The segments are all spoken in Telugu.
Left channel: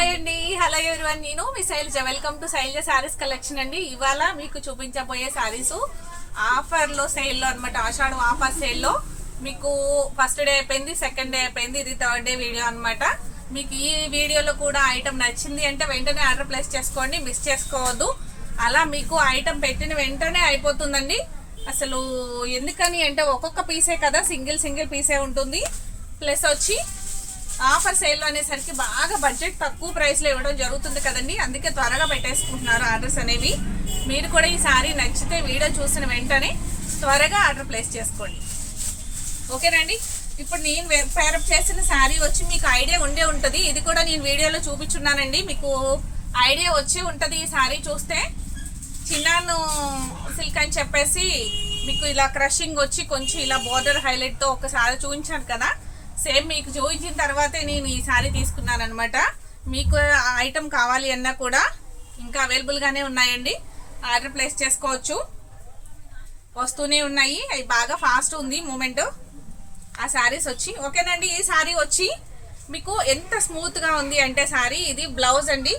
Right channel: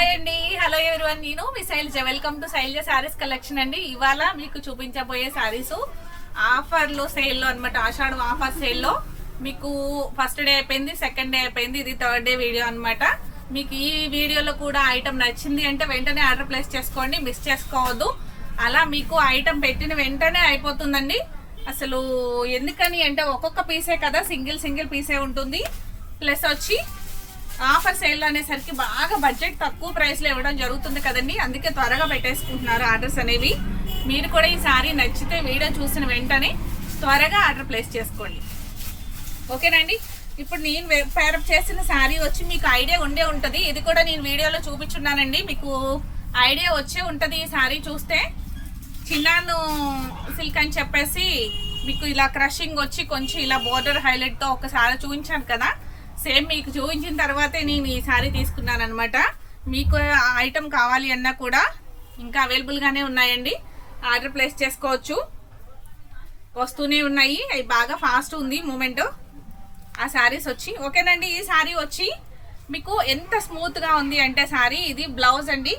హాయ్ అండి, హలో ఎవరివన్, నేను మీ Shailaja. Welcome to Shailaja saris collection అండి. ఇవాళ మీకు చూపించబోయే శారీస్ ఆఫర్లో, సేల్లో అనమాట. ఆషాఢం ఆఫర్ సేల్లో మీకు ఫస్ట్ డే అయిపోయింది, సెకండ్ డే అయిపోయింది, ఇది థర్డ్ డే వీడియో అనమాట. మీకు ఈ వీడియోలో కూడా ఐటమ్ నచ్చింది అంటే వెంటనే ఆర్డర్ ప్లేస్ చేసుకోండి, మిస్ చేసుకోవద్దు. అలా మీకు ఐటమ్ పెట్టిన వెంటనే అయిపోతుందండి. అసలు ఎందుకని అంటే ఒక్కొక్క పీసే కదా, సింగిల్ పీసే ఉంటుంది. ప్లస్ వచ్చి ఆఫర్ సేల్ అనేసరికి బాగా బడ్జెట్ తక్కువ ప్రైస్లో ఇవ్వడం జరుగుతుంది కదండి. అందుకే త్వరగా పెట్టేసుకుంటున్నారు ఆర్డర్స్ అనేవి. మీరు కూడా ఈ సారీ నచ్చితే వీడియో చూసిన వెంటనే త్వరగా ఆర్డర్ ప్లేస్ చేసుకోండి, ఓకేనండి. ఇప్పుడు నేను పేరప్ చేసిన శారీ వచ్చి మీకు ఐడియా ఉండే ఉంటుంది. ఇది కూడా నేను వీడియోలో చూపించున్నానండి, మీకు ఐడియా వచ్చే ఉంటుంది. ఈ శారీ చూస్తే చిన్నాను సిల్క్ అని చెప్పేసి మీకు ఇలా క్రషింగ్ వచ్చి కొంచెం ఇలా బోర్డర్ హైలైట్తో ఒకసారి చూపించాను కదా, సేమ్ మీకు చూపించిన తర్వాతే నేను ఈ శారీ తీసుకున్నాను అనమాట. మీకు ఐటమ్ కావాలి అన్నా కూడా ఇంకా అవైలబుల్గానే ఉన్నాయండి, ఆర్డర్ ప్లేస్ చేసుకోవచ్చు. వస్తూనే ఉన్నాయి, అవి బాగా ఫాస్ట్ ఉంది మూమెంట్ ఆ శారీస్ వచ్చి, ఓకేనండి. ఈ శారీ వచ్చి మీకు ఎంత స్మూత్గా ఉంది అంటే శారీ, ఇది బ్లౌజ్ అండి.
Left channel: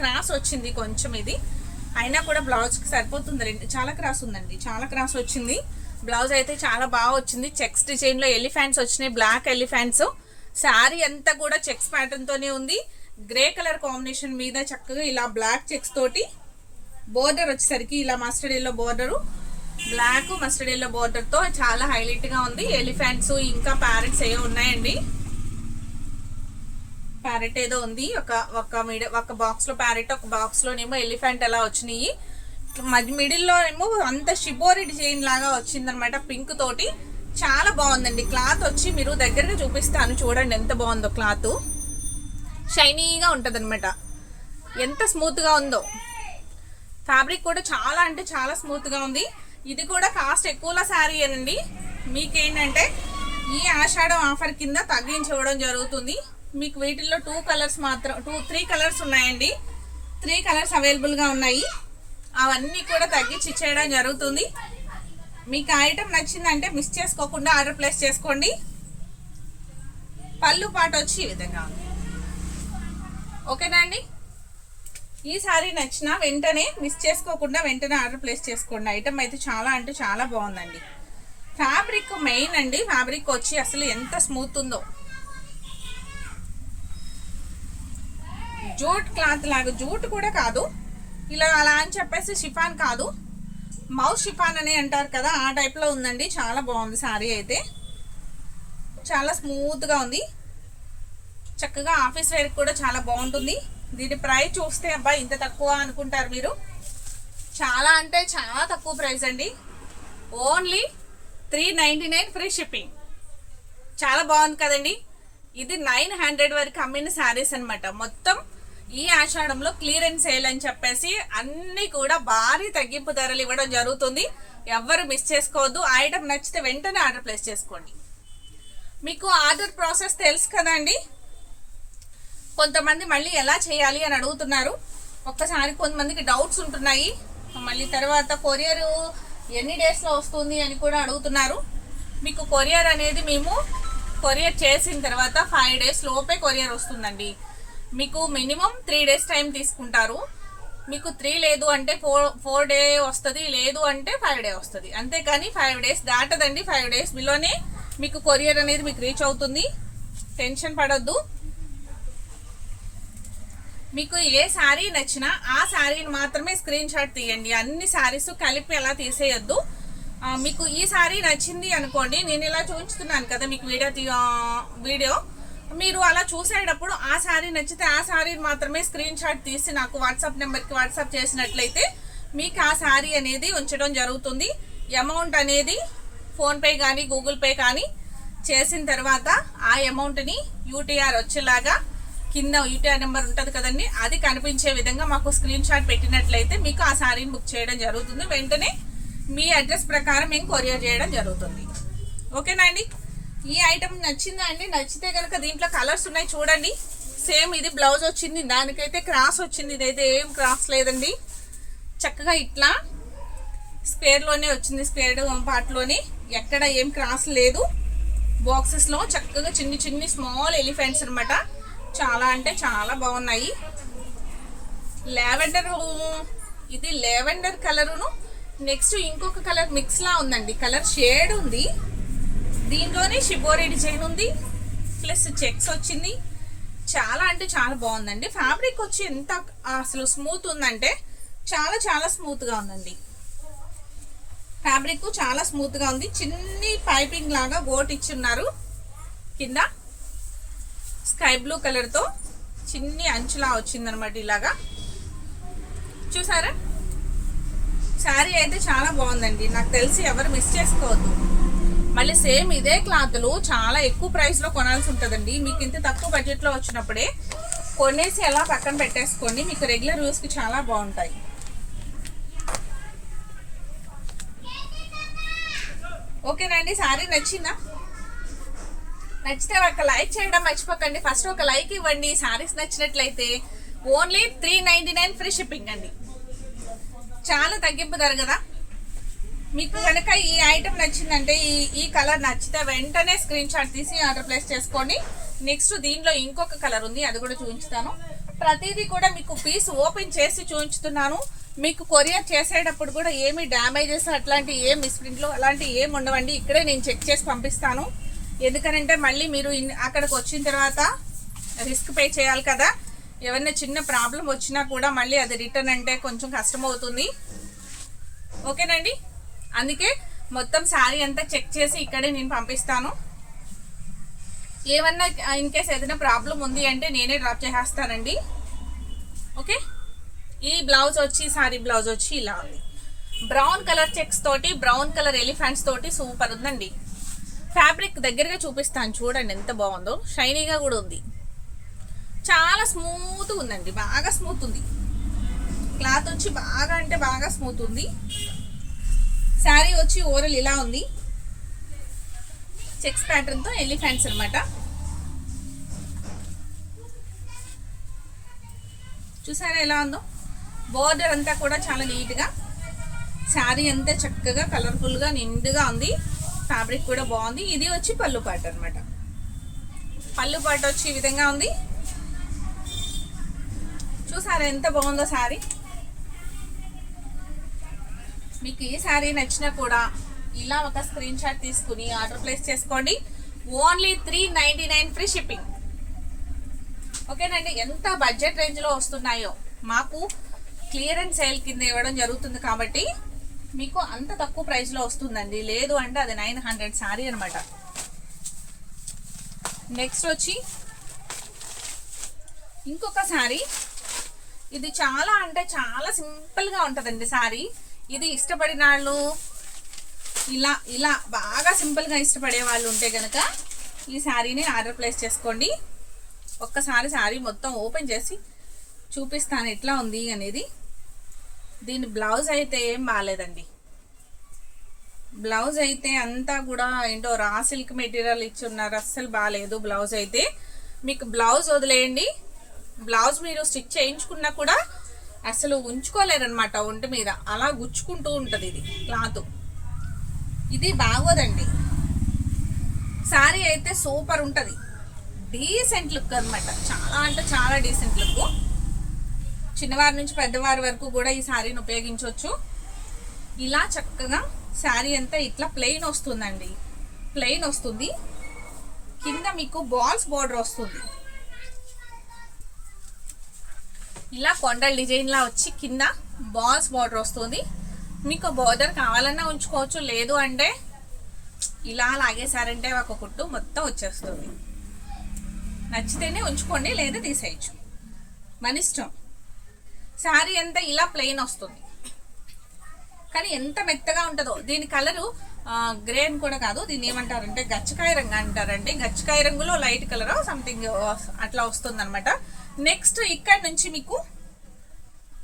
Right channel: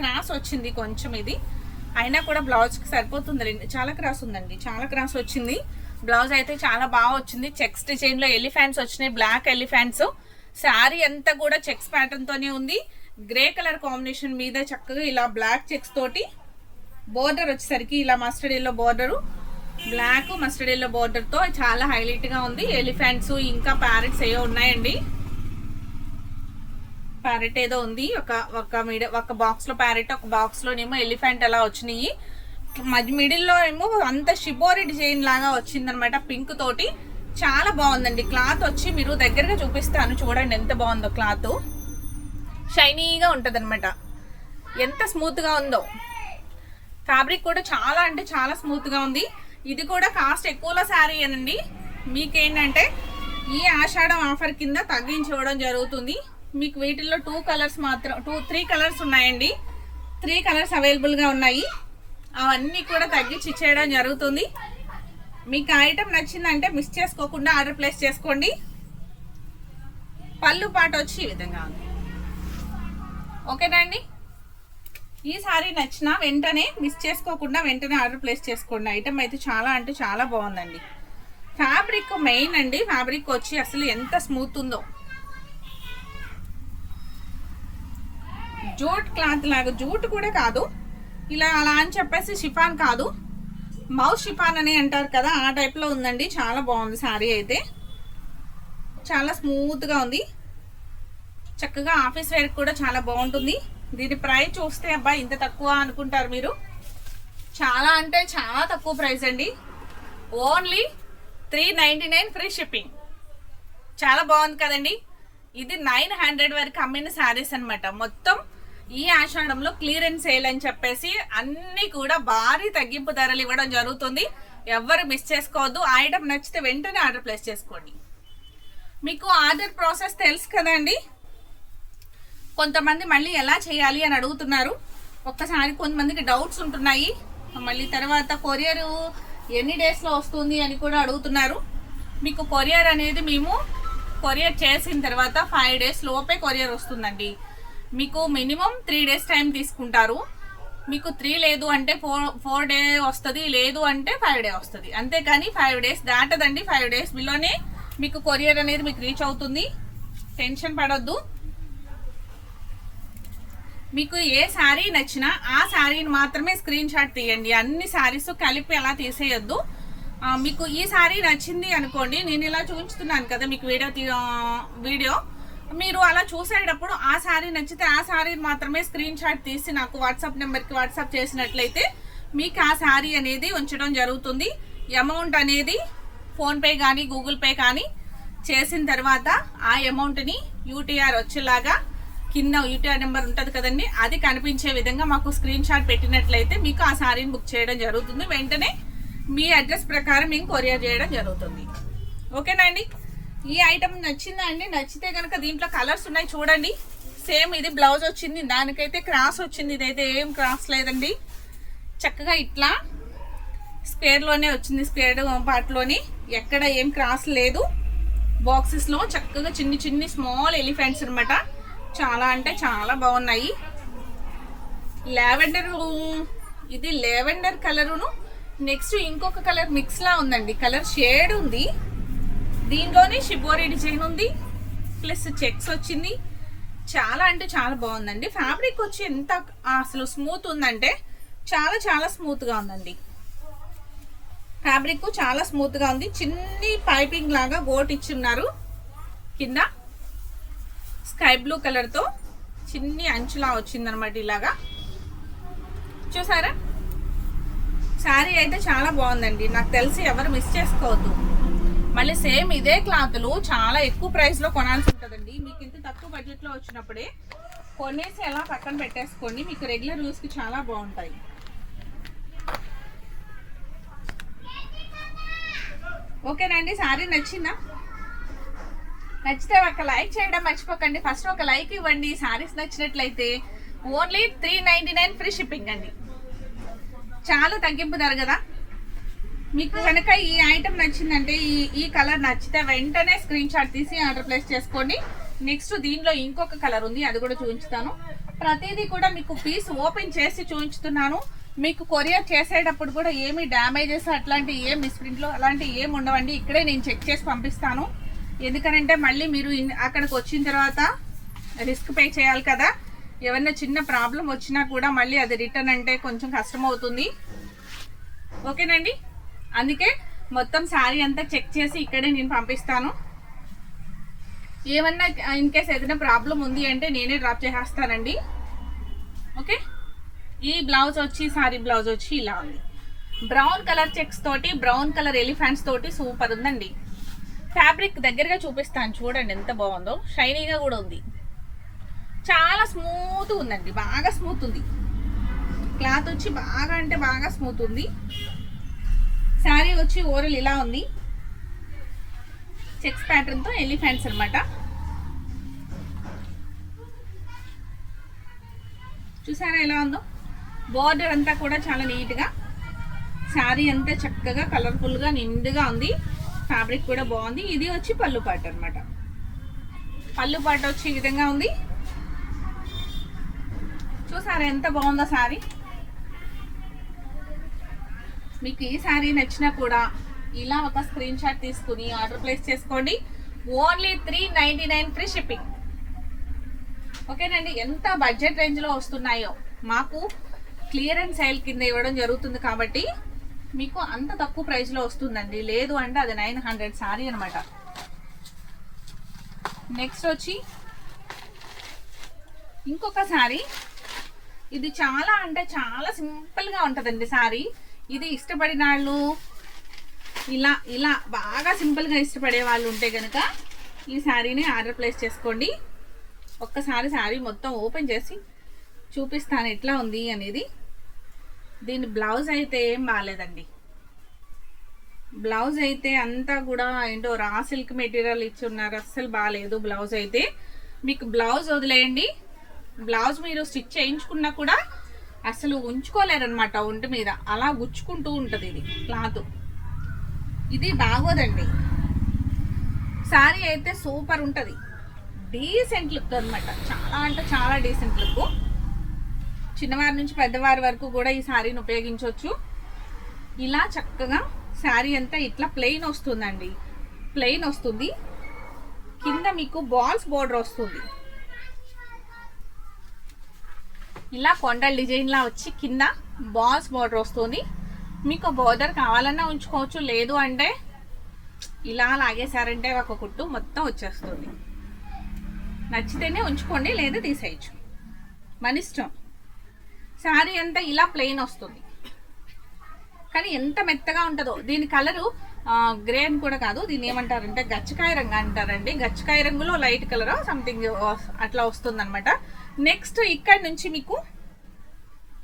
క్రాస్ వచ్చింది కొంచెం, ఇది అయినా కూడా బ్లౌజ్కి సరిపోతుంది. చాలా క్రాస్ ఉందండి, చాలా క్రాస్ వచ్చింది. బ్లౌజ్ అయితే చాలా బాగా వచ్చింది. చెక్స్ డిజైన్లో ఎలిఫెంట్స్ వచ్చినాయి, బ్లాక్ ఎలిఫెంట్స్. శారీ అంతా కూడా చెక్స్ ప్యాటర్న్ తోనే ఉంది. గ్రే కలర్ కాంబినేషన్ మీద చక్కగా ఇలా బ్లాక్ చెక్స్ తోటి బోర్డర్ వచ్చేసరికి ఇలా mustard yellow border, black mustard yellow border తో చాలా హైలైట్ గా ఉంది. ఎలిఫెంట్స్ ఇంకా ప్యారెట్స్ ఏవో ఉన్నాయండి. ప్యారెట్ ఏదో ఉంది, ఒక బాక్స్ లో ప్యారెట్, ఒక బాక్స్ లోనేమో ఎలిఫెంట్ అలా వచ్చినాయి. మిడిల్లో ఏమో అంత షిబోరి డిజైన్ లాగా వచ్చిందనమాట, పింక్ తోటి. చాలా బాగుందండి. క్లాత్ వచ్చి మీరు దగ్గరగా చూపిస్తాను చూడండి ఎంత బాగుందో. క్లాత్ షైనీగా ఉంటుంది అనమాట, ఎంత స్మూత్ గా ఉందో. ఫ్యాబ్రిక్ కూడా చాలా అంటే చాలా స్మూత్ గా ఉంది. ఇది కూడా కాస్ట్ ఎక్కువలో శారీ అనండి. మీకేంటంటే ఈ ఆషాఢం ఆఫర్ కింద తగ్గించి ఇవ్వడం జరుగుతుంది. మీకు వీటిల్లో 2 కలర్స్ మాత్రం 3 కలర్స్ ఉన్నాయండి. 3 కలర్స్ అవైలబుల్ గా ఉన్నాయి. అవన్నీ కూడా తగ్గించి ఇచ్చేయడం జరుగుతుంది. మీకు ఐటమ్ నచ్చిందంటే మిస్ చేసుకోకుండా ఆర్డర్ ప్లేస్ చేసుకోండి. పళ్ళు పాట వచ్చి ఈ విధంగా ఉంది, ఓకేనా అండి. ఈ సారీ నచ్చిన వెంటనే మిస్ చేసుకోకుండా వెంటనే ఆర్డర్ ప్లేస్ చేసుకోండి. ఐటమ్ అయితే చాలా అంటే చాలా బాగుందండి. ఫ్యాబ్రిక్ మెయిన్ అండి. ఫ్యాబ్రిక్ వచ్చి అసలు ఎంత స్మూత్ ఉందో, జూట్ క్లాత్ లాగా, జూట్ కూడా కాదు ఇలా అలా అని చెప్పేసి షిఫాన్ కాదు, మౌస్ షిఫాన్ అని అంటారు కదా, ఆ టైప్లో ఉందండి. చాలా బాగుంది శారీ అయితే, చాలా స్మూత్గా ఉంది. చక్కగా ఆఫీస్ వేర్ కూడా చాలా బాగుంటుంది. దీని ప్రైస్ చూస్తే అబ్బా ఇంత తక్కువ అనుకుంటారు మీరు. చాలా అంటే చాలా తక్కువ ప్రైస్ అండి, ఓన్లీ 399 ఫ్రీ షిప్పింగ్. చాలా బాగుంది కదండి. ఇది 900 వరకు అమ్మిన శారీస్ అనమాట. మొత్తం ఈ ఆషాఢంలో క్లియరెన్స్ సేల్ అని చెప్పేసి అన్ని కూడా భారీ తగ్గింపు ధరలు ఇవ్వడం జరుగుతుంది. ఎవ్వరు మిస్ చేసుకోవద్దు. ఐటమ్ నచ్చితే వెంటనే ఆర్డర్ ప్లేస్ చేసుకోండి. మీకు ఆర్డర్ ప్రాసెస్ తెలుసు కదండి. కొంతమంది మళ్ళీ ఎలా చేయాలి అని అడుగుతున్నారు. ఒక్కసారి కొంతమందికి డౌట్స్ ఉంటున్నాయి. మళ్ళీ తర్వాత కొరియర్ ఎన్ని డేస్లో వస్తుంది అని కూడా అడుగుతున్నారు. మీకు కొరియర్ అనేది మేము కొరియర్ చేసిన తర్వాత 5 డేస్ లోపే కొరియర్ వస్తుందండి. మీకు మినిమం 3 డేస్ టైం తీసుకుంటారు. మీకు 3 లేదు అంటే 4 డే వస్తుంది, లేదు అంటే 5 డే వస్తుంది. అంతేకాని 5 డేస్ దాటదండి. 5 డేస్ బిలోనే మీకు కొరియర్ అనేది మీకు రీచ్ అవుతుంది. టెన్షన్ పడొద్దు. మీకు ఏ శారీ నచ్చినా ఆ శారీని మాత్రమే స్క్రీన్ షాట్ తీయండి. అన్ని శారీస్ కలిపి అలా తీసేయొద్దు. మీకు ఈ శారీ నచ్చింది అనుకోండి, నేను ఇలా చూపించుతున్నాను కదా మీకు వీడియో మీరు అలా చూసేటప్పుడు ఆ శారీ నచ్చితే ఆ శారీని మాత్రమే స్క్రీన్ షాట్ తీసి నాకు వాట్సాప్ నెంబర్కి వాట్సాప్ చేసినట్లయితే మీకు ఆ శారీ అనేది ఉంచడం జరుగుతుంది. అమౌంట్ అనేది ఫోన్పే కానీ గూగుల్ పే కానీ చేసిన తర్వాత ఆ అమౌంట్ని యూటీఆర్ వచ్చేలాగా కింద యూటీఆర్ నెంబర్ ఉంటుంది కదండి, అది కనిపించే విధంగా మాకు స్క్రీన్ షాట్ పెట్టినట్లయితే మీకు ఆ శారీని బుక్ చేయడం జరుగుతుంది. వెంటనే మీ అడ్రస్ ప్రకారం మేము కొరియర్ చేయడం జరుగుతుంది, ఓకేనా అండి. ఈ ఐటమ్ నచ్చిందా అండి? నచ్చితే కనుక దీంట్లో కలర్స్ ఉన్నాయి చూడండి. సేమ్ ఇది బ్లౌజ్ వచ్చింది, దానికైతే క్రాస్ వచ్చింది. ఇదైతే ఏం క్రాస్ లేదండి, చక్కగా ఇట్లా స్క్వేర్లోనే వచ్చింది. స్క్వేర్ పార్ట్లోని ఎక్కడ ఏం క్రాస్ లేదు. బాక్సెస్లో చక్కగా చిన్ని స్మాల్ ఎలిఫెంట్స్ అనమాట. చాలా అంటే చాలా బాగున్నాయి. లావెండర్, ఇది లావెండర్ కలరును నెక్స్ట్ ఇంకొక కలర్ మిక్స్ లా ఉందండి. కలర్ షేడ్ ఉంది. దీనిలోనే షిబోరి డిజైన్ ఉంది, ప్లస్ చెక్స్ వచ్చింది. చాలా అంటే చాలా బాగుందండి. ఫ్యాబ్రిక్ వచ్చి ఎంత అసలు స్మూత్ ఉందంటే చాలా చాలా స్మూత్గా ఉందండి. ఫ్యాబ్రిక్ చాలా స్మూత్గా ఉంది. చిన్ని పైపింగ్ లాగా గోట్ ఇచ్చున్నారు. కింద స్కై బ్లూ కలర్తో చిన్ని అంచులా వచ్చిందనమాట. ఇలాగా చూసారా? శారీ అయితే చాలా బాగుందండి. నాకు తెలిసి ఎవరు మిస్ చేసుకోవద్దు. మళ్ళీ సేమ్ ఇదే క్లాత్లు చాలా ఎక్కువ ప్రైస్లో కొనాల్సి ఉంటుందండి. మీకు ఇంత తక్కువ బడ్జెట్లో వచ్చినప్పుడే కొనేసి ఎలా పక్కన పెట్టేసుకోండి. మీకు రెగ్యులర్ యూస్కి చాలా బాగుంటాయి. ఓకేనండి, శారీ నచ్చిందా? నచ్చితే ఒక లైక్ చేయడం మర్చిపోకండి. ఫస్ట్ ఒక లైక్ ఇవ్వండి. శారీస్ నచ్చినట్లయితే ఓన్లీ 399 ఫ్రీ షిప్పింగ్ అండి. చాలా తగ్గింపు ధర కదా. మీకు కనుక ఈ ఐటమ్ నచ్చిందంటే ఈ కలర్ నచ్చితే వెంటనే స్క్రీన్ షాట్ తీసి ఆర్డర్ ప్లేస్ చేసుకోండి. నెక్స్ట్ దీనిలో ఇంకొక కలర్ ఉంది, అది కూడా చూపించుతాను. ప్రతిదీ కూడా మీకు పీస్ ఓపెన్ చేసి చూపించుతున్నాను. మీకు కొరియర్ చేసేటప్పుడు కూడా ఏమి డ్యామేజెస్ అట్లాంటి ఏ మిస్ప్రింట్లో అలాంటి ఏమి ఉండవండి. ఇక్కడే నేను చెక్ చేసి పంపిస్తాను. ఎందుకనంటే మళ్ళీ మీరు అక్కడికి వచ్చిన తర్వాత రిస్క్ పే చేయాలి కదా. ఏమన్నా చిన్న ప్రాబ్లం వచ్చినా కూడా మళ్ళీ అది రిటర్న్ అంటే కొంచెం కష్టం అవుతుంది. ఓకేనండి, అందుకే మొత్తం శారీ అంతా చెక్ చేసి ఇక్కడే నేను పంపిస్తాను. ఏమన్నా ఇన్ కేస్ ఏదైనా ప్రాబ్లం ఉంది అంటే నేనే డ్రాప్ చేసేస్తానండి. ఓకే, ఈ బ్లౌజ్ వచ్చి శారీ బ్లౌజ్ వచ్చి ఇలా ఉంది. బ్రౌన్ కలర్ చెక్స్ తోటి బ్రౌన్ కలర్ ఎలిఫెంట్స్ తోటి సూపర్ ఉందండి. ఫ్యాబ్రిక్ దగ్గరగా చూపిస్తాను చూడండి ఎంత బాగుందో. షైనీగా కూడా ఉంది. చాలా స్మూత్ ఉందండి, బాగా స్మూత్ ఉంది. క్లాత్ వచ్చి బాగా అంటే బాగా స్మూత్ ఉంది. శారీ వచ్చి ఓవరాల్ ఇలా ఉంది. చెక్స్ ప్యాటర్న్తో ఎలిఫెంట్స్ అనమాట. చూసారా ఎలా ఉందో? బోర్డర్ అంతా కూడా చాలా నీట్గా, శారీ అంతా చక్కగా కలర్ఫుల్గా నిండుగా ఉంది. ఫ్యాబ్రిక్ కూడా బాగుంది. ఇది వచ్చి పళ్ళు పాటు అనమాట. పళ్ళు పాటు వచ్చి ఈ విధంగా ఉంది. చూసారా ఎంత బాగుందో శారీ? మీకు ఈ శారీ నచ్చినా కూడా ఇలా ఒక స్క్రీన్ షాట్ తీసుకుని ఆర్డర్ ప్లేస్ చేసుకోండి. Only 399 free shipping. ఓకేనండి, ఎంత బడ్జెట్ రేంజ్లో వస్తున్నాయో మాకు క్లియరెన్స్ సేల్ కింద ఇవ్వడం జరుగుతుంది కాబట్టి మీకు అంత తక్కువ ప్రైస్లో వస్తుందండి. లేదు అంటే అది 900 శారీ అనమాట. నెక్స్ట్ వచ్చి ఇంకొక శారీ. ఇది చాలా అంటే చాలా సింపుల్గా ఉంటుందండి శారీ. ఇది ఇష్టపడిన వాళ్ళు ఇలా ఇలా బాగా సింపుల్గా ఇష్టపడే వాళ్ళు ఉంటే కనుక ఈ శారీని ఆర్డర్ ప్లేస్ చేసుకోండి. ఒక్కసారి శారీ మొత్తం ఓపెన్ చేసి చూపిస్తాను ఎట్లా ఉంది అనేది. దీని బ్లౌజ్ అయితే ఏం బాగాలేదండి. బ్లౌజ్ అయితే అంతా కూడా ఏంటో రా సిల్క్ మెటీరియల్ ఇచ్చున్నారు, అస్సలు బాగాలేదు బ్లౌజ్ అయితే. మీకు బ్లౌజ్ వదిలేయండి, బ్లౌజ్ మీరు స్టిచ్ చేయించుకున్నా కూడా అసలు ఉంచుకోలేరనమాట ఒంటి మీద, అలా గుచ్చుకుంటూ ఉంటుంది ఇది క్లాత్. ఇది బాగోదండి. శారీ అయితే సూపర్ ఉంటుంది, డీసెంట్ లుక్ అనమాట. చాలా అంటే చాలా డీసెంట్ లుక్. చిన్నవారి నుంచి పెద్దవారి వరకు కూడా ఈ శారీని ఉపయోగించవచ్చు. ఇలా చక్కగా శారీ అంతా ఇట్లా ప్లెయిన్ వస్తుందండి. ప్లెయిన్ వస్తుంది, కింద మీకు బాల్స్ బోర్డర్ వస్తుంది. ఇలా కొండల డిజైన్ లా వచ్చి కింద బాల్స్ బోర్డర్ వస్తుంది. మీకు బోర్డర్ కావాలన్నా ఉంచుకోవచ్చు, లేదు అంటే ఇలా లాగేశారంటే ఒక కుట్టు మొత్తం వచ్చేస్తుంది. నచ్చితేనే ఉంచుకోండి, లేదా తీసేయచ్చు, మన ఇష్టం. శారీ అంతా ఇలా ప్లెయిన్ వస్తుంది, కానీ ఎంత మెత్తగా ఉంటుందో. దీని కలరు గ్రేన్ కూడా కాదు, దీన్ని ఏమంటారంటే గచ్చకాయ రంగు అంటారండి. గచ్చకాయ రంగులో లైట్ కలర్ సంథింగ్ అట్లా వస్తుంది అనమాట. నెక్స్ట్ ఇక్కడ నుంచి మీకు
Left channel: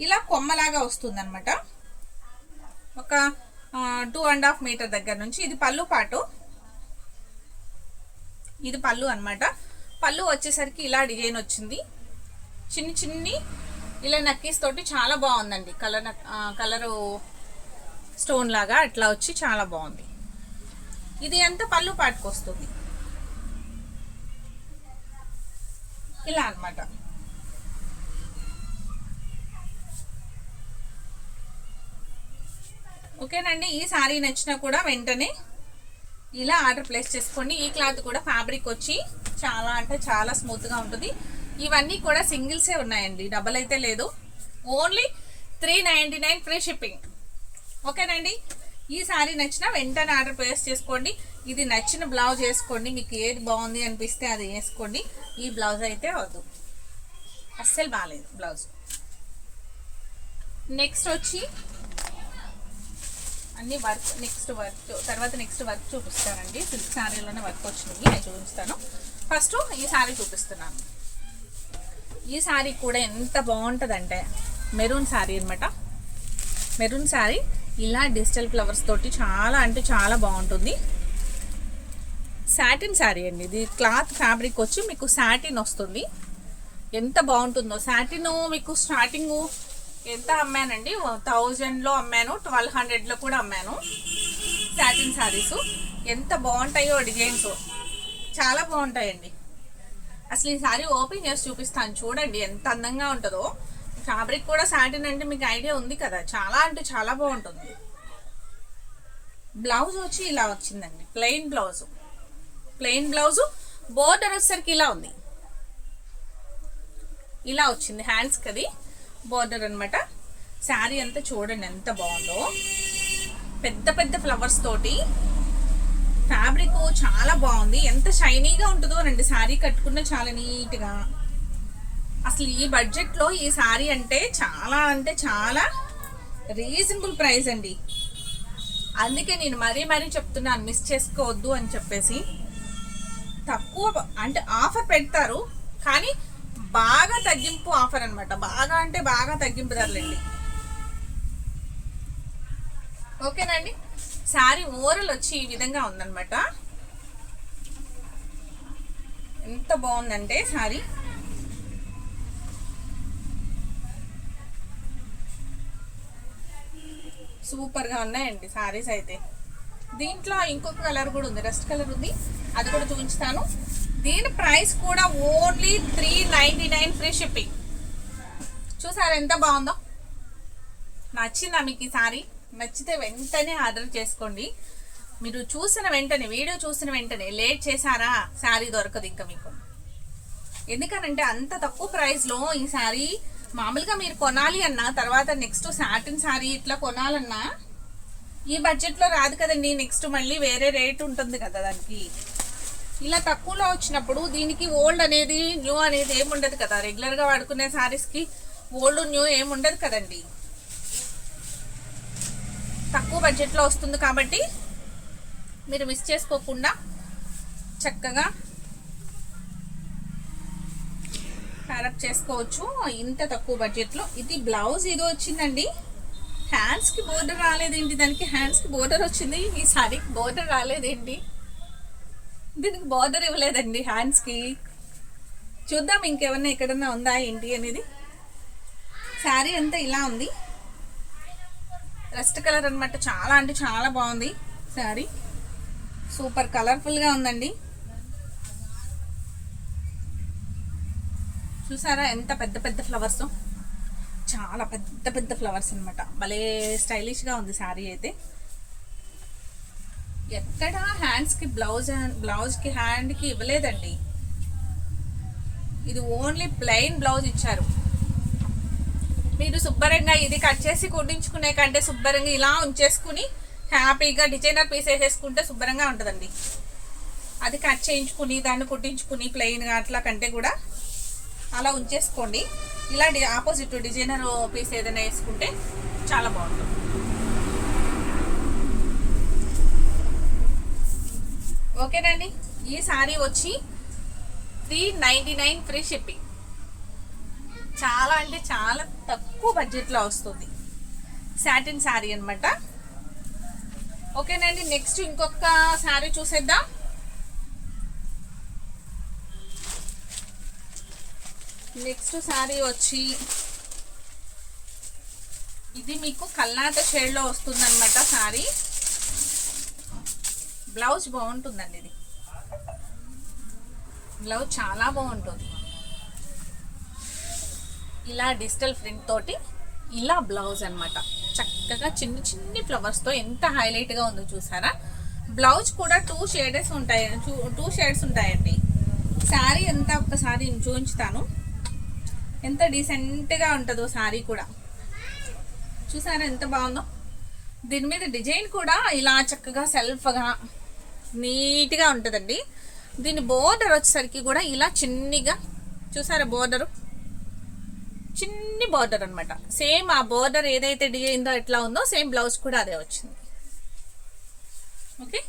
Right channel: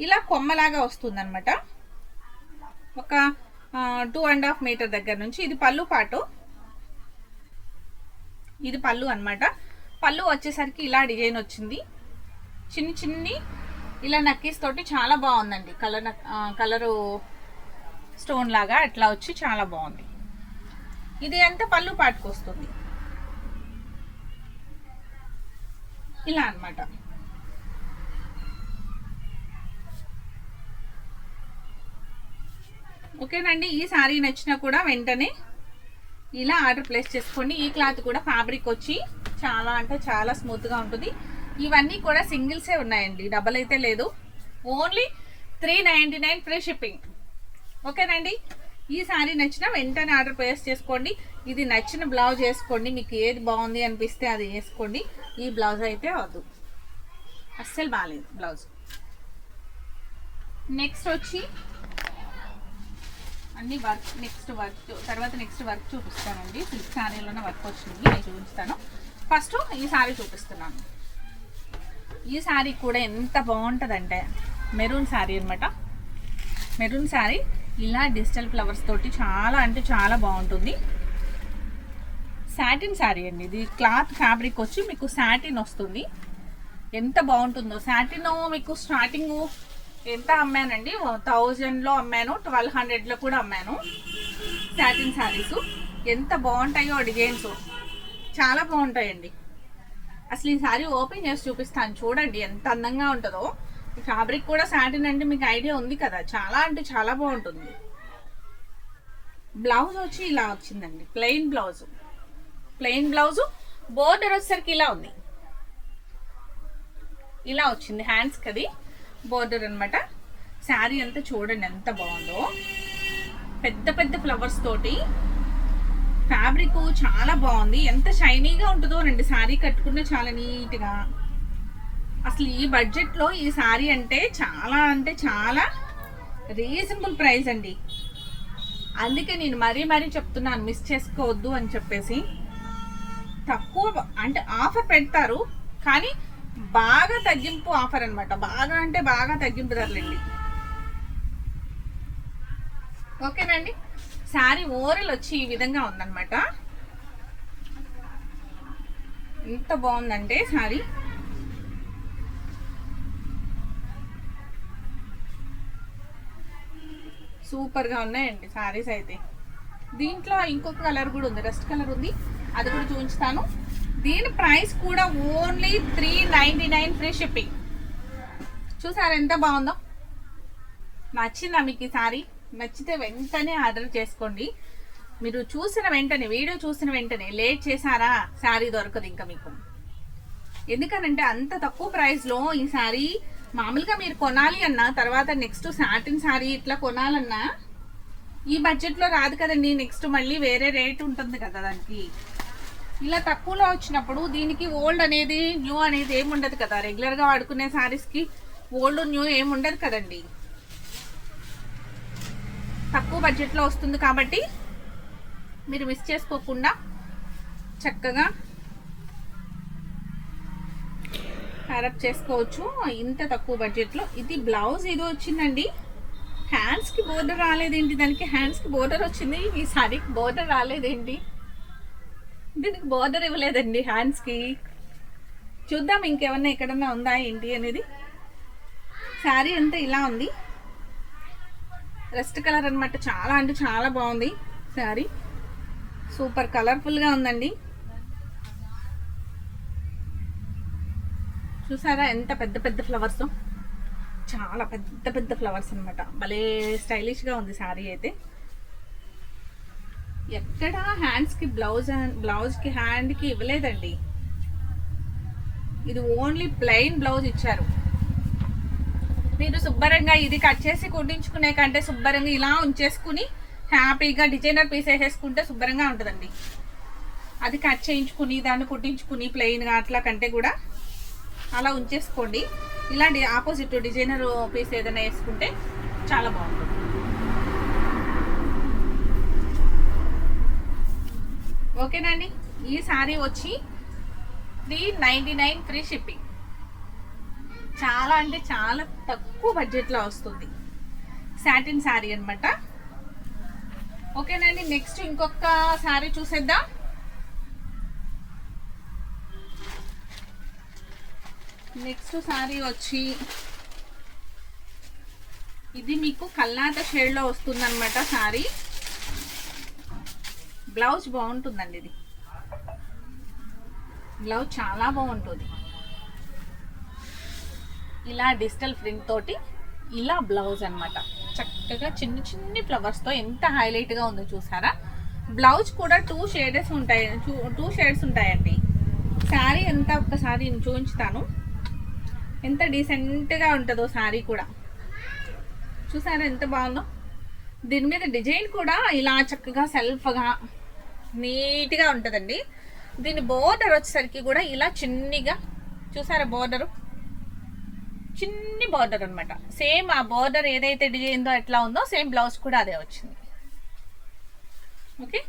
ఇలా కొమ్మలాగా వస్తుంది అనమాట. ఒక 2.5 మీటర్ దగ్గర నుంచి. ఇది పళ్ళు పాటు, ఇది పళ్ళు అనమాట. పళ్ళు వచ్చేసరికి ఇలా డిజైన్ వచ్చింది. చిన్ని చిన్ని ఇలా నక్కీస్ తోటి చాలా బాగుందండి. కలరు స్టోన్ లాగా అట్లా వచ్చి చాలా బాగుంది. ఇది అంతా పళ్ళు పాటుకు వస్తుంది. ఇలా అన్నమాట. ఓకేనండి, ఈ సారీ నచ్చినా కూడా వెంటనే ఇలా ఆర్డర్ ప్లేస్ చేసుకోండి. ఈ క్లాత్ కూడా ఫ్యాబ్రిక్ వచ్చి చాలా అంటే చాలా స్మూత్గా ఉంటుంది. ఇవన్నీ కూడా సింగిల్సే ఉన్నాయండి, డబల్ అయితే లేదు. Only 399 free shipping. ఓకేనండి, ఈ సారీ నచ్చిన వెంటనే ఆర్డర్ ప్లేస్ చేసుకోండి. ఇది నచ్చిన బ్లౌజ్ వేసుకోండి, మీకు ఏది బాగుంది అనిపిస్తే అది వేసుకోండి. ఈ బ్లౌజ్ అయితే వద్దు, అస్సలు బాగాలేదు బ్లౌజ్. నెక్స్ట్ వచ్చి అన్ని వర్క్, నెక్స్ట్ వర్క్ చూపిస్తానండి. సిల్క్ శారీలోనే వర్క్ వచ్చింది, అది చూపిస్తాను. ఫస్ట్ ఈ శారీ చూపిస్తున్నాను. ఈ శారీ కూడా ఎంత బాగుంటుందంటే మెరూన్ శారీ అనమాట. మెరూన్ శారీ ఇలా డిజిటల్ ఫ్లవర్స్ తోటి చాలా అంటే చాలా బాగుంటుంది. సాటిన్ శారీ అండి ఇది. క్లాత్ ఫ్యాబ్రిక్ వచ్చి మీకు సాటిన్ వస్తుంది. ఎంత బాగుంటుందో. సాటిన్ మీకు స్టార్టింగ్ ఎంత అమ్మానండి, 1000లో అమ్మాను, 1200లో కూడా అమ్మాను. సాటిన్ శారీస్ ఎంత బాగుంటాయో, డిజైన్స్ చాలా బాగుంటాయండి. అసలు ఈ శారీ ఓపెన్ చేసి చూపిస్తాను, చూడండి ఎంత అందంగా ఉంటుందో. ఫ్యాబ్రిక్ కూడా సాటిన్ అంటే మీకు ఐడియా ఉంది కదా, చాలా అంటే చాలా బాగుంటుంది. బ్లౌజ్ వచ్చి ఇలా వచ్చిందండి, ప్లెయిన్ బ్లౌజ్. బోర్డర్ వచ్చేసరికి ఇలా ఉంది, ఇలా వచ్చింది. హ్యాండ్స్కి అది బోర్డర్ అనమాట. శారీ అంతా చూడండి ఎంత బాగుందో, పెద్ద పెద్ద ఫ్లవర్స్ తోటి. ఫ్యాబ్రిక్ చాలా బాగుంది, ఎంత షైనీగా ఉంటుందో రండి. శారీ కట్టుకున్న చాలా నీట్గా. అసలు ఈ బడ్జెట్లో ఈ శారీ అంటే చాలా రీజనబుల్ ప్రైస్ అండి. అందుకే నేను మరీ చెప్తున్నాను, మిస్ చేసుకోవద్దు అని చెప్పేసి. తక్కువ అంటే ఆఫర్ పెడతారు, కానీ బాగా తగ్గింపు ఆఫర్ అనమాట. బాగా అంటే బాగా తగ్గింపు ధరలండి. ఓకేనండి, శారీ ఓవరాల్ వచ్చి ఈ విధంగా ఉందన్నమాట. ఎంత బాగుందంటే శారీ. సూపర్గా ఉన్నాయండి శారీస్ అయితే. దీంట్లో ఇంకొక కలర్ కూడా ఉంది, రస్ట్ కలర్ ఉంది, అది కూడా చూపించుతాను. దీని ప్రైస్ కూడా ఓన్లీ 399 ఫ్రీ షిప్పింగ్. చూసారా ఎంత బాగుందో. నచ్చిందా మీకు ఈ శారీ? నచ్చితే వెంటనే ఆర్డర్ చేసుకోండి. మీరు చూసిన వెంటనే, వీడియో చూసిన వెంటనే లేట్ చేశారా శారీ దొరకదు ఇంకా మీకు. ఎందుకనంటే అంత తక్కువ ప్రైస్లో ఈ శారీ మామూలుగా మీరు కొనాలి అన్నా, తర్వాత నెక్స్ట్ సాటిన్ శారీ ఇట్లా కొనాలన్నా ఈ బడ్జెట్లో రాదు కదండి. నెక్స్ట్ మళ్ళీ వేరే రేట్ ఉంటుంది కదా దానికి. ఇలా తక్కువలో వచ్చినప్పుడు దీనికి ఓల్డ్ అనేది న్యూ అనేది ఏముండదు కదా. రెగ్యులర్గా వాడుకునే శారీస్కి ఓల్డ్ న్యూ ఏముండదు కదండి. తక్కువ బడ్జెట్లో వస్తుంది కాబట్టి మీరు మిస్ చేసుకోకుండా చక్కగా ప్యారప్ చేసుకోవచ్చు ఇంత తక్కువ బడ్జెట్లో. ఇది బ్లౌజ్ ఇది వచ్చిందండి. హ్యాండ్స్కి బోర్డర్ రాలేదేంటి, దానికి హ్యాండ్స్కి బోర్డర్ వచ్చింది, ఈ శారీకి బోర్డర్ రాలేదేంటి. దీనికి బోర్డర్ ఇవ్వలేదండి హ్యాండ్స్కి. చూద్దాం ఇంకేమన్నా ఎక్కడన్నా ఉందా ఏంటి అనేది. శారీ అంతా ఇలా ఉంది, రెస్ట్ కలర్ అనమాట. చాలా అంటే చాలా బాగుంది శారీ, సూపర్ కలర్ఫుల్గా ఉందండి. చూసారా ఎంత పెద్ద పెద్ద ఫ్లవర్స్, చాలా పెద్ద పెద్ద ఫ్లవర్స్ అనమాట. భలే స్టైలిష్గా ఉంది శారీ అయితే. ఎక్కడ హ్యాండ్స్కి బ్లౌజ్కి హ్యాండ్కి ఇవ్వలేదండి. ఇది ఓన్లీ ప్లెయిన్ బ్లౌజ్ ఇచ్చారు. మీరు శుభ్రంగా ఇది కట్ చేసి కుట్టించుకునే కంటే శుభ్రంగా ఇలా ఉంచేసుకుని హ్యాపీగా డిజైనర్ పీస్ వేసేసుకుంటే శుభ్రంగా ఉంటుందండి. అది కట్ చేయించుకుని దాన్ని కుట్టించుకుని ప్లెయిన్గా అట్లా కంటే కూడా అలా ఉంచేసుకోండి. ఇలాంటి ఆపోజిట్ డిజైనర్ పీస్ ఏదైనా వేసుకుంటే చాలా బాగుంటుంది. ఓకేనండి, ఈ శారీ వచ్చి 399 ఫ్రీ షిప్పింగ్. చాలా అంటే చాలా తక్కువ బడ్జెట్లో వస్తుంది. సాటిన్ శారీ అనమాట. ఓకేనండి, నెక్స్ట్ ఇంకొక శారీ చూసేద్దాం. నెక్స్ట్ శారీ వచ్చి ఇది మీకు కల్నాట షేడ్లో వస్తుంది అనమాట శారీ. బ్లౌజ్ బాగుంటుందండి. ఇది బ్లౌజ్ చాలా బాగుంటుంది. ఇలా డిజిటల్ ప్రింట్ తోటి ఇలా బ్లౌజ్ అన్నమాట. చక్కగా చిన్ని చిన్ని ఫ్లవర్స్తో ఎంత హైలైట్గా ఉందో చూసారా. బ్లౌజ్ కూడా 2 షేడ్స్ ఉంటాయి, 2 షేడ్స్ ఉంటాయండి. శారీ ఎంత ఒక్కసారి నేను చూపించుతాను, ఎంత డీసెంట్గా ఉంటుందో శారీ కూడా. చూసారా ఎంత బాగుందో. దీని మీద డిజైన్ కూడా ఇలా చక్కగా సెల్ఫ్గా నీట్గా ఉంటుందండి. దీని బోర్డర్ వచ్చేసరికి కూడా ఇలా చిన్నిగా చూసారా, బోర్డరు చిన్ని బోర్డర్ అనమాట. సేమ్ ఆ బోర్డర్ ఏదైతే డిజైన్తో ఎట్లా ఉందో సేమ్ బ్లౌజ్ కూడా అదే వచ్చింది. ఓకే,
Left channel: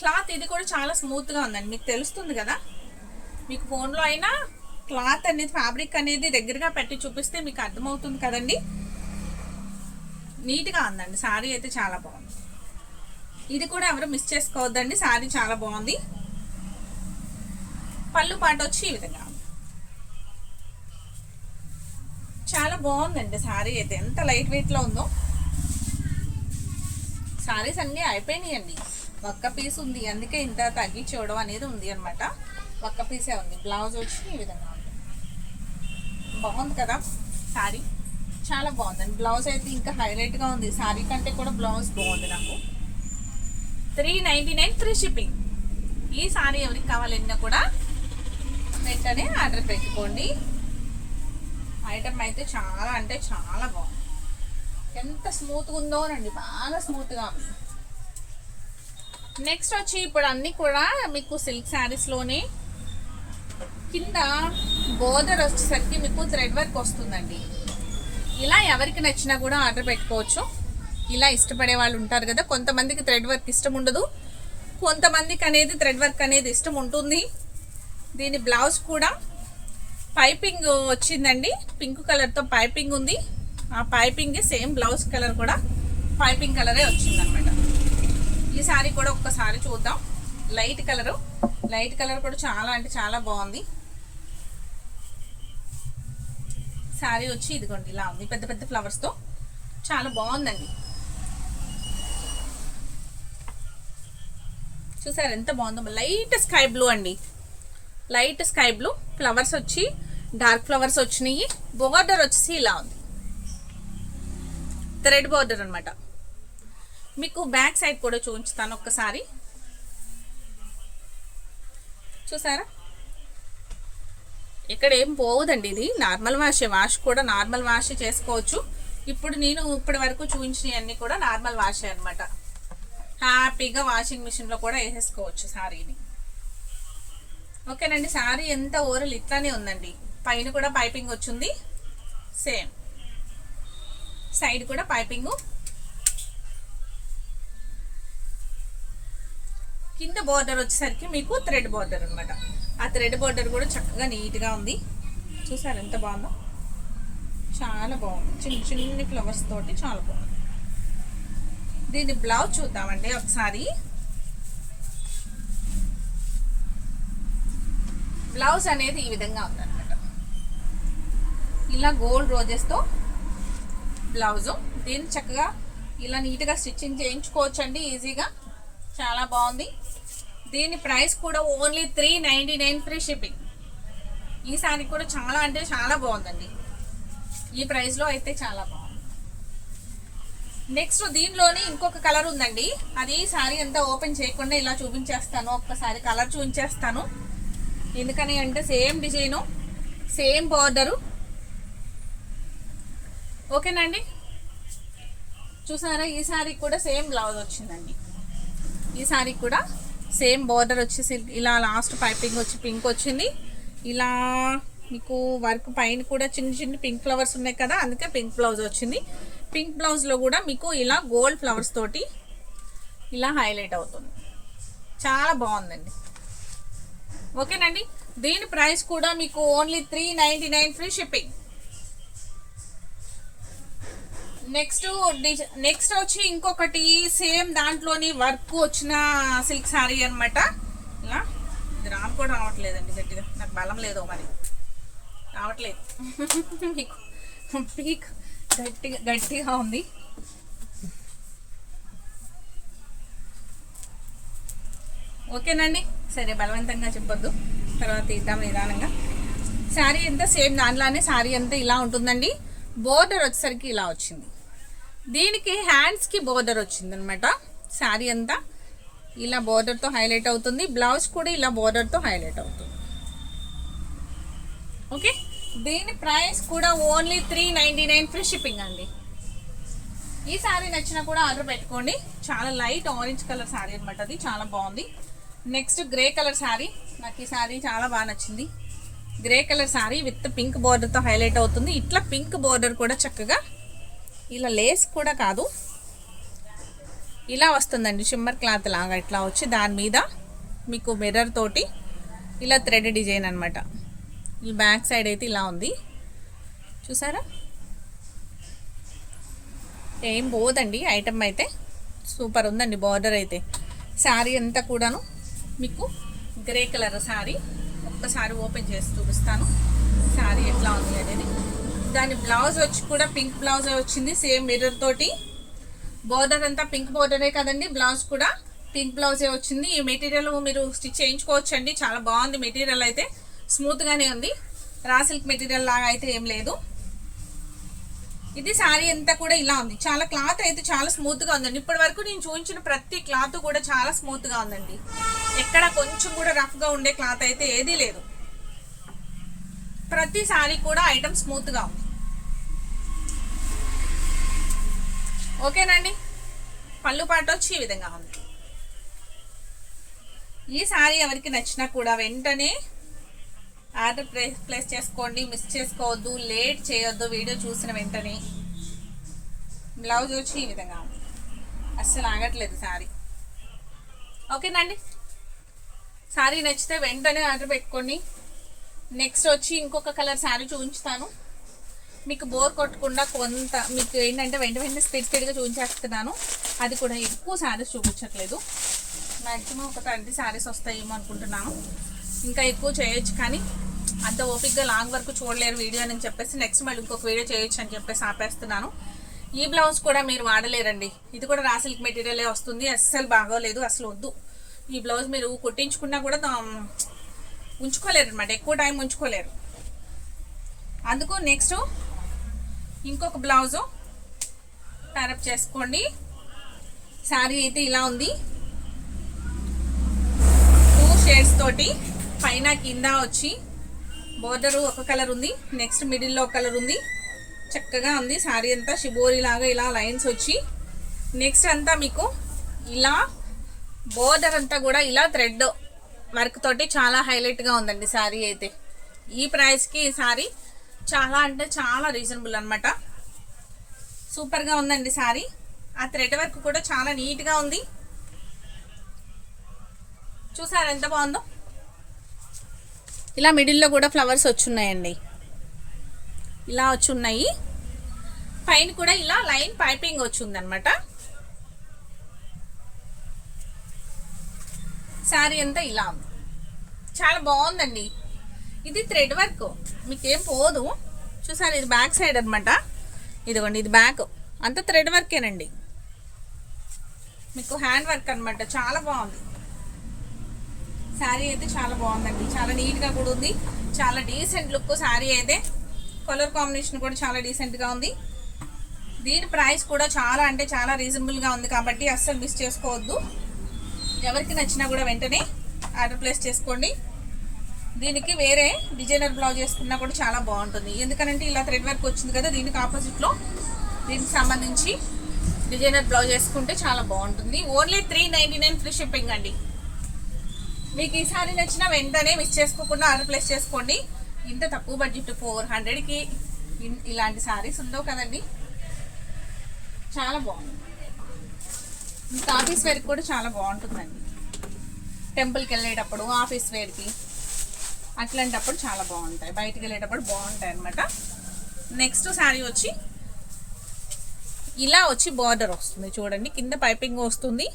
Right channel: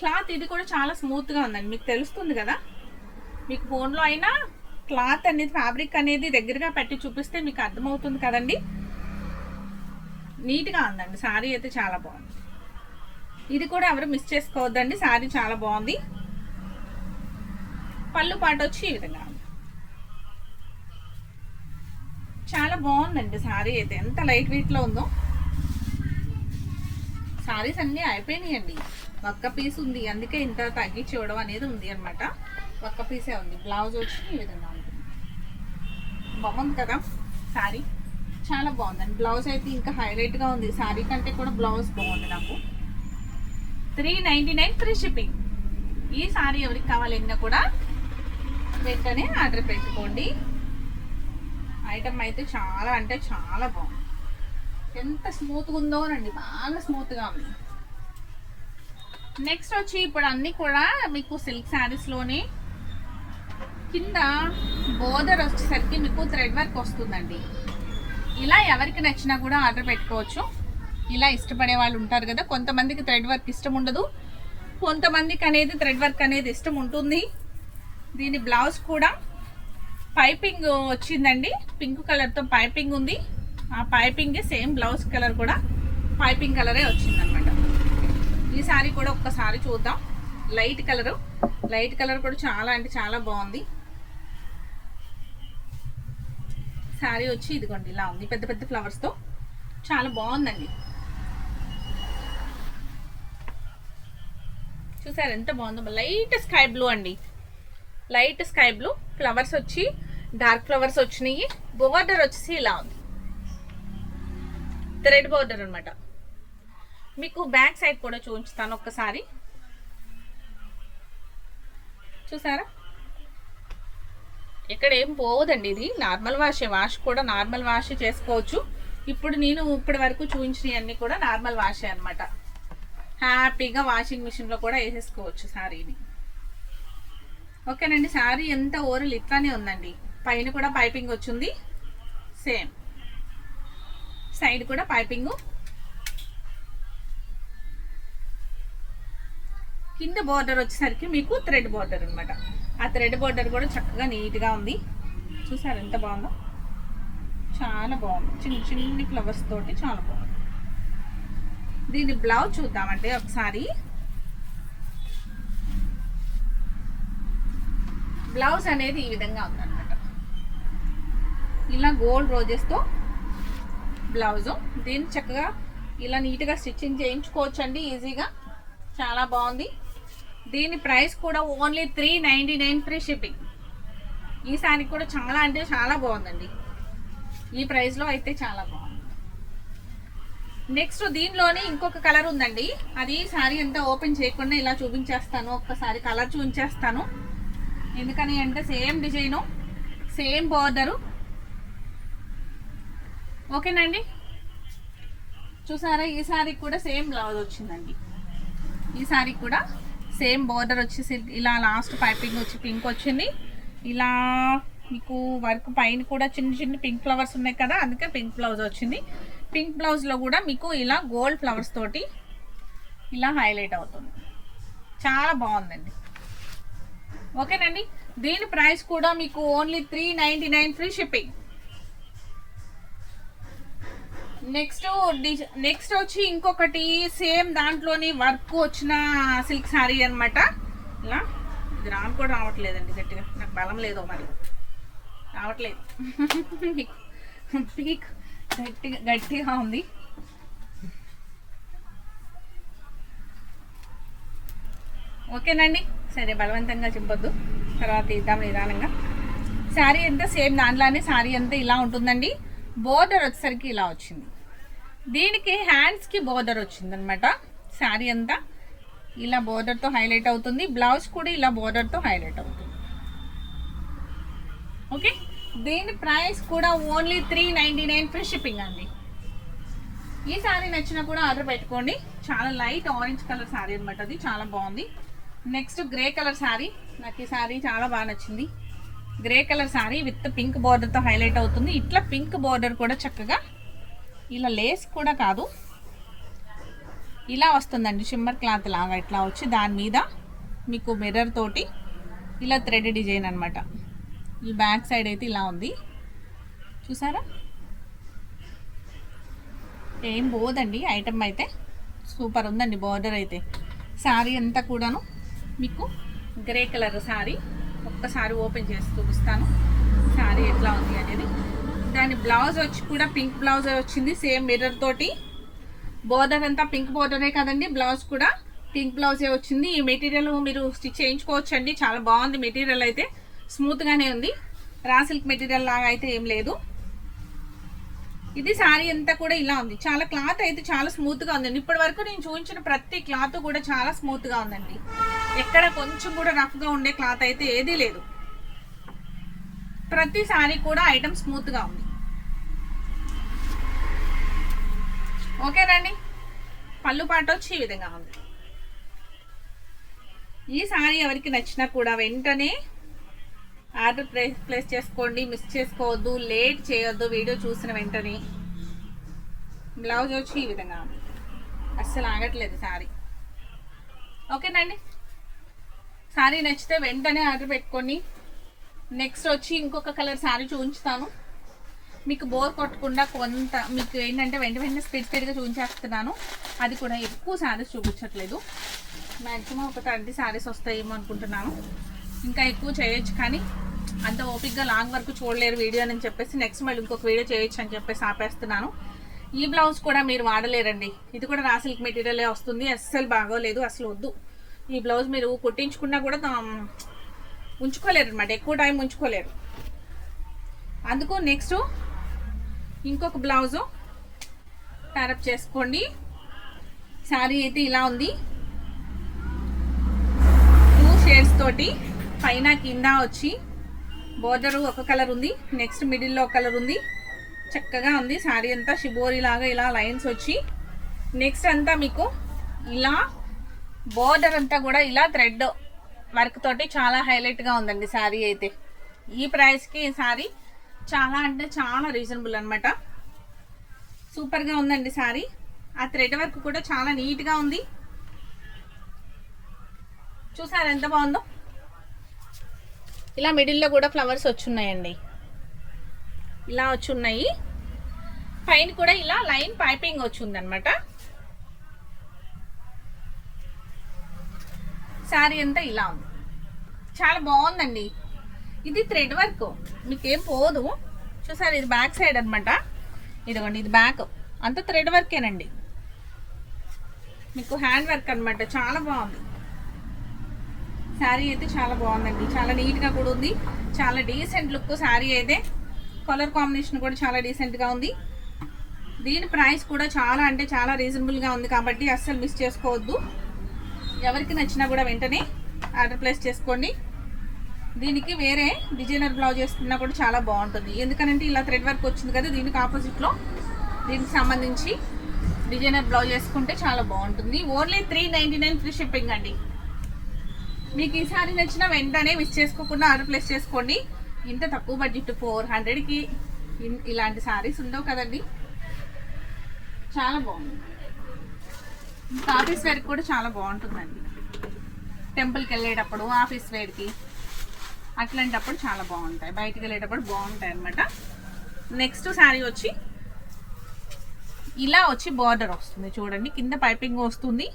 క్లాత్ ఇది కూడా చాలా స్మూత్గా ఉందండి, మీకు తెలుస్తుంది కదా. మీకు ఫోన్లో అయినా క్లాత్ అనేది ఫ్యాబ్రిక్ అనేది దగ్గరగా పెట్టి చూపిస్తే మీకు అర్థమవుతుంది కదండి. నీట్గా ఉందండి శారీ అయితే, చాలా బాగుంది. ఇది కూడా ఎవరు మిస్ చేసుకోవద్దండి, శారీ చాలా బాగుంది. పళ్ళు పాట వచ్చి ఈ విధంగా చాలా బాగుందండి శారీ అయితే, ఎంత లైట్ వెయిట్లో ఉందో. శారీస్ అన్నీ అయిపోయినాయండి, ఒక్క పీస్ ఉంది, అందుకే ఇంత తగ్గించి ఇవ్వడం అనేది ఉంది అనమాట. ఒక్క పీసే ఉంది. బ్లౌజ్ వచ్చి ఈ విధంగా ఉంటుంది. బాగుంది కదా శారీ, చాలా బాగుందండి. బ్లౌజ్ అయితే ఇంకా హైలైట్గా ఉంది, శారీ కంటే కూడా బ్లౌజ్ బాగుంది నాకు. 399 ఫ్రీ షిప్పింగ్. ఈ శారీ ఎవరికి కావాలన్నా కూడా వెంటనే ఆర్డర్ పెట్టుకోండి. ఐటమ్ అయితే చాలా అంటే చాలా బాగుంది, ఎంత స్మూత్గా ఉందోనండి, బాగా స్మూత్గా ఉంది. నెక్స్ట్ వచ్చి ఇప్పుడు అన్నీ కూడా మీకు సిల్క్ శారీస్లోనే కింద బోర్డర్ వచ్చేసరికి మీకు థ్రెడ్ వర్క్ వస్తుందండి. ఇలా ఎవరికి నచ్చినా కూడా ఆర్డర్ పెట్టుకోవచ్చు. ఇలా ఇష్టపడే వాళ్ళు ఉంటారు కదా, కొంతమందికి థ్రెడ్ వర్క్ ఇష్టం ఉండదు, కొంతమందికి అనేది థ్రెడ్ వర్క్ అనేది ఇష్టం ఉంటుంది. దీని బ్లౌజ్ కూడా పైపింగ్ వచ్చిందండి, పింక్ కలర్తో పైపింగ్ ఉంది. ఆ పైపింగ్ సేమ్ బ్లౌజ్ కలర్ కూడా పైపింగ్ కలరే వచ్చిందనమాట. ఈ సారీ కూడా ఒక్కసారి చూద్దాం. లైట్ కలర్ కూడా చాలా అంటే చాలా బాగుంది. శారీ వచ్చి ఇదిగోండి ఇలా ఉంది, పెద్ద పెద్ద ఫ్లవర్స్తో చాలా బాగుందండి. చూసారు ఎంత బాగుందో. లైట్ స్కై బ్లూ అండి, లైట్ స్కై బ్లూ ఫ్లవర్స్ వచ్చి డార్క్ ఫ్లవర్స్ వచ్చినాయి. బోర్డర్ వచ్చేసి ఇలా ఉంది, థ్రెడ్ బోర్డర్ అనమాట. మీకు బ్యాక్ సైడ్ కూడా చూపించుతాను ఒక్కసారి. చూసారా, ఇక్కడ ఏం పోవదండి, ఇది నార్మల్ వాష్ కూడా నార్మల్ వాష్ చేసుకోవచ్చు. ఇప్పుడు నేను ఇప్పటి వరకు చూపించినవన్నీ కూడా నార్మల్ వాషే అనమాట. హ్యాపీగా వాషింగ్ మిషన్లో కూడా వేసేసుకోవచ్చు శారీని. ఓకేనండి, శారీ ఎంత ఓరల్ ఇట్లానే ఉందండి. పైన కూడా పైపింగ్ వచ్చింది, సేమ్ సైడ్ కూడా పైపింగ్. కింద బోర్డర్ వచ్చేసరికి మీకు థ్రెడ్ బోర్డర్ అనమాట. ఆ థ్రెడ్ బోర్డర్ కూడా చక్కగా నీట్గా ఉంది. చూసారు ఎంత బాగుందో, చాలా బాగుంది. చిన్న చిన్ని ఫ్లవర్స్ తోటి చాలా బాగుంది. దీని బ్లౌజ్ చూద్దామండి ఒకసారి. బ్లౌజ్ అనేది ఈ విధంగా ఉందన్నమాట, ఇలా గోల్డ్ రోజెస్తో బ్లౌజు. దీన్ని చక్కగా ఇలా నీట్గా స్టిచ్చింగ్ చేయించుకోవచ్చు అండి ఈజీగా, చాలా బాగుంది. దీని ప్రైస్ కూడా ఓన్లీ 399 ఫ్రీ షిప్పింగ్. ఈ శారీ కూడా చాలా అంటే చాలా బాగుందండి, ఈ ప్రైస్లో అయితే చాలా బాగుంది. నెక్స్ట్ దీనిలోనే ఇంకొక కలర్ ఉందండి, అది శారీ అంతా ఓపెన్ చేయకుండా ఇలా చూపించేస్తాను. ఒక్కసారి కలర్ చూపించేస్తాను, ఎందుకని అంటే సేమ్ డిజైను సేమ్ బార్డరు. ఓకేనండి, చూసారా ఈ శారీ కూడా సేమ్ బ్లౌజ్ వచ్చిందండి. ఈ శారీ కూడా సేమ్ బార్డర్ వచ్చేసి ఇలా లాస్ట్ పైపింగ్ వచ్చి పింక్ వచ్చింది. ఇలా మీకు వర్క్ పైన కూడా చిన్న చిన్న పింక్ ఫ్లవర్స్ ఉన్నాయి కదా, అందుకే పింక్ బ్లౌజ్ వచ్చింది. పింక్ బ్లౌజ్లో కూడా మీకు ఇలా గోల్డ్ ఫ్లవర్స్ తోటి ఇలా హైలైట్ అవుతుంది, చాలా బాగుందండి. ఓకేనండి, దీని ప్రైస్ కూడా మీకు ఓన్లీ 399 ఫ్రీ షిప్పింగ్. నెక్స్ట్ వచ్చి ఇంకొకటి సేమ్ దాంట్లోని వర్క్ వచ్చిన సిల్క్ శారీ అనమాట. ఇలా ఇది రాను కూడా రావట్లేదండి, గట్టిగా నాకు బలం లేదో మరి రావట్లేదు. పీక్ గట్టిగా ఉంది. ఓకేనండి, సరే బలవంతంగా చెప్పొద్దు, తర్వాత ఇద్దాం నిదానంగా. శారీ అంతా సేమ్ దాంట్లోనే శారీ అంతా ఇలా ఉంటుందండి. బోర్డర్ వచ్చేసరికి ఇలా వచ్చింది. దీనికి హ్యాండ్స్కి బోర్డర్ వచ్చింది అనమాట. శారీ అంతా ఇలా బోర్డర్తో హైలైట్ అవుతుంది. బ్లౌజ్ కూడా ఇలా బోర్డర్తో హైలైట్ అవుతుంది. ఓకే, దీని ప్రైస్ కూడా ఓన్లీ 399 ఫ్రీ షిప్పింగ్ అండి. ఈ శారీ నచ్చినా కూడా ఆర్డర్ పెట్టుకోండి. చాలా లైట్ ఆరెంజ్ కలర్ శారీ అనమాట. అది చాలా బాగుంది. Next grey colour sari. నాకు ఈ శారీ చాలా బాగా నచ్చింది. Grey colour sari with pink బార్డర్తో హైలైట్ అవుతుంది. ఇట్లా పింక్ బార్డర్ కూడా చక్కగా ఇలా లేస్ కూడా కాదు, ఇలా వస్తుందండి. షిమ్మర్ క్లాత్ లాగా ఇట్లా వచ్చి దాని మీద మీకు మిర్రర్ తోటి ఇలా థ్రెడ్ డిజైన్ అనమాట. ఈ బ్యాక్ సైడ్ అయితే ఇలా ఉంది, చూసారా? ఏం పోదండి ఐటమ్ అయితే. సూపర్ ఉందండి బార్డర్ అయితే. శారీ అంతా కూడాను మీకు గ్రే కలర్ శారీ. ఒక్కసారి ఓపెన్ చేసి చూపిస్తాను శారీ ఎట్లా ఉంది అనేది. దాని బ్లౌజ్ వచ్చి కూడా పింక్ బ్లౌజ్ వచ్చింది, సేమ్ మిర్రర్ తోటి. బోర్డర్ అంతా పింక్ బోర్డరే కదండి, బ్లౌజ్ కూడా పింక్ బ్లౌజే వచ్చింది. ఈ మెటీరియల్ మీరు స్టిచ్ చేయించుకోవచ్చు అండి. చాలా బాగుంది మెటీరియల్ అయితే, స్మూత్గానే ఉంది. రా సిల్క్ మెటీరియల్ లాగా అయితే ఏం లేదు. ఇది శారీ అంతా కూడా ఇలా ఉంది. చాలా క్లాత్ అయితే చాలా స్మూత్గా ఉందండి. ఇప్పటి వరకు నేను చూపించిన ప్రతి క్లాత్ కూడా చాలా స్మూత్గా ఉందండి. ఎక్కడ కొంచెం కూడా రఫ్గా ఉండే క్లాత్ అయితే ఏదీ లేదు. ప్రతి శారీ కూడా ఐటమ్ స్మూత్గా ఉంది. ఓకేనండి. పళ్ళు పాటు వచ్చి ఈ విధంగా ఉంది. ఈ శారీ ఎవరికి నచ్చినా కూడా వెంటనే ఆర్డర్ ప్లేస్ చేసుకోండి. మిస్ చేసుకోవద్దు, లేట్ చేయొద్దు. వీడియో చూసిన వెంటనే. బ్లౌజ్ వచ్చి ఈ విధంగా ఉంది. అస్సలు ఆగట్లేదు శారీ. ఓకేనండి. శారీ నచ్చితే వెంటనే ఆర్డర్ పెట్టుకోండి. నెక్స్ట్ వచ్చి ఇంకొక కలర్ శారీ చూపించుతాను. మీకు బోర్ కొట్టకుండా కొంత మీకు ఏంటంటే వెంటనే స్పీడ్గా చూపించేస్తున్నాను. అది కూడా ఎక్కువ శారీస్ చూపించట్లేదు. మ్యాక్సిమం ఒక 30 శారీస్ వస్తాయేమో అనుకుంటున్నాను. ఇంకా ఎక్కువ చేయొచ్చు కానీ అంత ఓపిక్గా లాంగ్ వరకు చూడలేరు వీడియో అని చెప్పేసి నెక్స్ట్ మళ్ళీ ఇంకొక వీడియో చేయొచ్చు అని చెప్పేసి ఆపేస్తున్నాను. ఈ బ్లౌజ్ కూడా మీరు వాడలేరండి. ఇది కూడా రా సిల్క్ మెటీరియలే వస్తుంది. అస్సలు బాగోలేదు, అసలు వద్దు. ఈ బ్లౌజ్ మీరు కుట్టించుకున్నా కూడా ఉంచుకోలేరు అనమాట, ఎక్కువ టైం ఉంచుకోలేరు. అందుకు నెక్స్ట్ ఇంకొక బ్లౌజు ప్యారప్ చేసుకోండి. శారీ అయితే ఇలా ఉంది. 2 షేడ్స్ తోటి పైన కింద వచ్చి బోర్డర్ ఒక కలర్ ఉంది. నెక్స్ట్ మిడిల్లో ఒక కలర్ ఉంది. చక్కగా ఉంది శారీ అంతా. షిబోరి లాగా ఇలా లైన్స్ వచ్చి నెక్స్ట్ అంతా మీకు ఇలా బోర్డర్ అంతా కూడా ఇలా థ్రెడ్ వర్క్ తోటి చాలా హైలైట్గా ఉందండి శారీ అయితే. ఈ ప్రైస్కి ఈ శారీ చాలా అంటే చాలా రీజనబుల్ అనమాట. సూపర్గా ఉందండి శారీ. ఆ థ్రెడ్ వర్క్ కూడా చాలా నీట్గా ఉంది. చూసారా ఎంత బాగుందో? ఇలా మిడిల్లో కూడా ఫ్లవర్స్ వచ్చున్నాయండి, ఇలా వచ్చున్నాయి. పైన కూడా ఇలా లైన్ పైపింగ్ వచ్చిందనమాట. శారీ అంతా ఇలా ఉంది. చాలా బాగుందండి. ఇది థ్రెడ్ వర్క్ మీకేం పోదు. చూసారు, ఇది బ్యాక్ సైడ్ అనమాట. ఇదిగోండి, ఇది బ్యాక్ అంతా థ్రెడ్ వర్కేనండి. మీకు హ్యాండ్ వర్క్ అనమాట. చాలా బాగుంది శారీ అయితే. చాలా బాగుందండి. చాలా నీట్గా కూడా ఉంది. చాలా డీసెంట్ లుక్ శారీ అయితే. కలర్ కాంబినేషన్ కూడా చాలా డీసెంట్గా ఉంది. దీని ప్రైస్ కూడా చాలా అంటే చాలా రీజనబుల్గా ఉంది కాబట్టి అస్సలు మిస్ చేసుకోవద్దు. ఎవరికి నచ్చినా కూడా వెంటనే ఆర్డర్ ప్లేస్ చేసుకోండి. దీనికి వేరే డిజైనర్ బ్లౌజ్ వేసుకున్నా కూడా చాలా బాగుంటుంది. ఎందుకంటే ఇలా థ్రెడ్ వర్క్ వచ్చింది కదా, దీనికి ఆపోజిట్లో దీనికి సంబంధించి డిజైనర్ బ్లౌజ్ వేసుకుంటే చాలా బాగుంటుంది. ఓన్లీ 399 ఫ్రీ షిప్పింగ్ అండి. మీకు ఈ సారీ నచ్చినా వెంటనే మిస్ చేసుకోకుండా ఆర్డర్ ప్లేస్ చేసుకోండి. ఇంత తక్కువ బడ్జెట్ 400కి ఇలాంటి సారీస్ ఉండవు కదండి. చాలా బాగుంది. ఇంకా ఆఫీస్ వేర్కి కూడా చాలా బాగుంటుందండి. టెంపుల్కి వెళ్ళేటప్పుడు, ఆఫీస్ వేర్కి అట్లాంటప్పుడు చాలా బాగుంటాయి. బయటికి వెళ్ళేటప్పుడు బాగుంటాయి అన్నమాట. నెక్స్ట్ శారీ వచ్చి ఇలా వచ్చి బార్డర్ వస్తుంది చూడండి. కింద పైపింగ్ వస్తుంది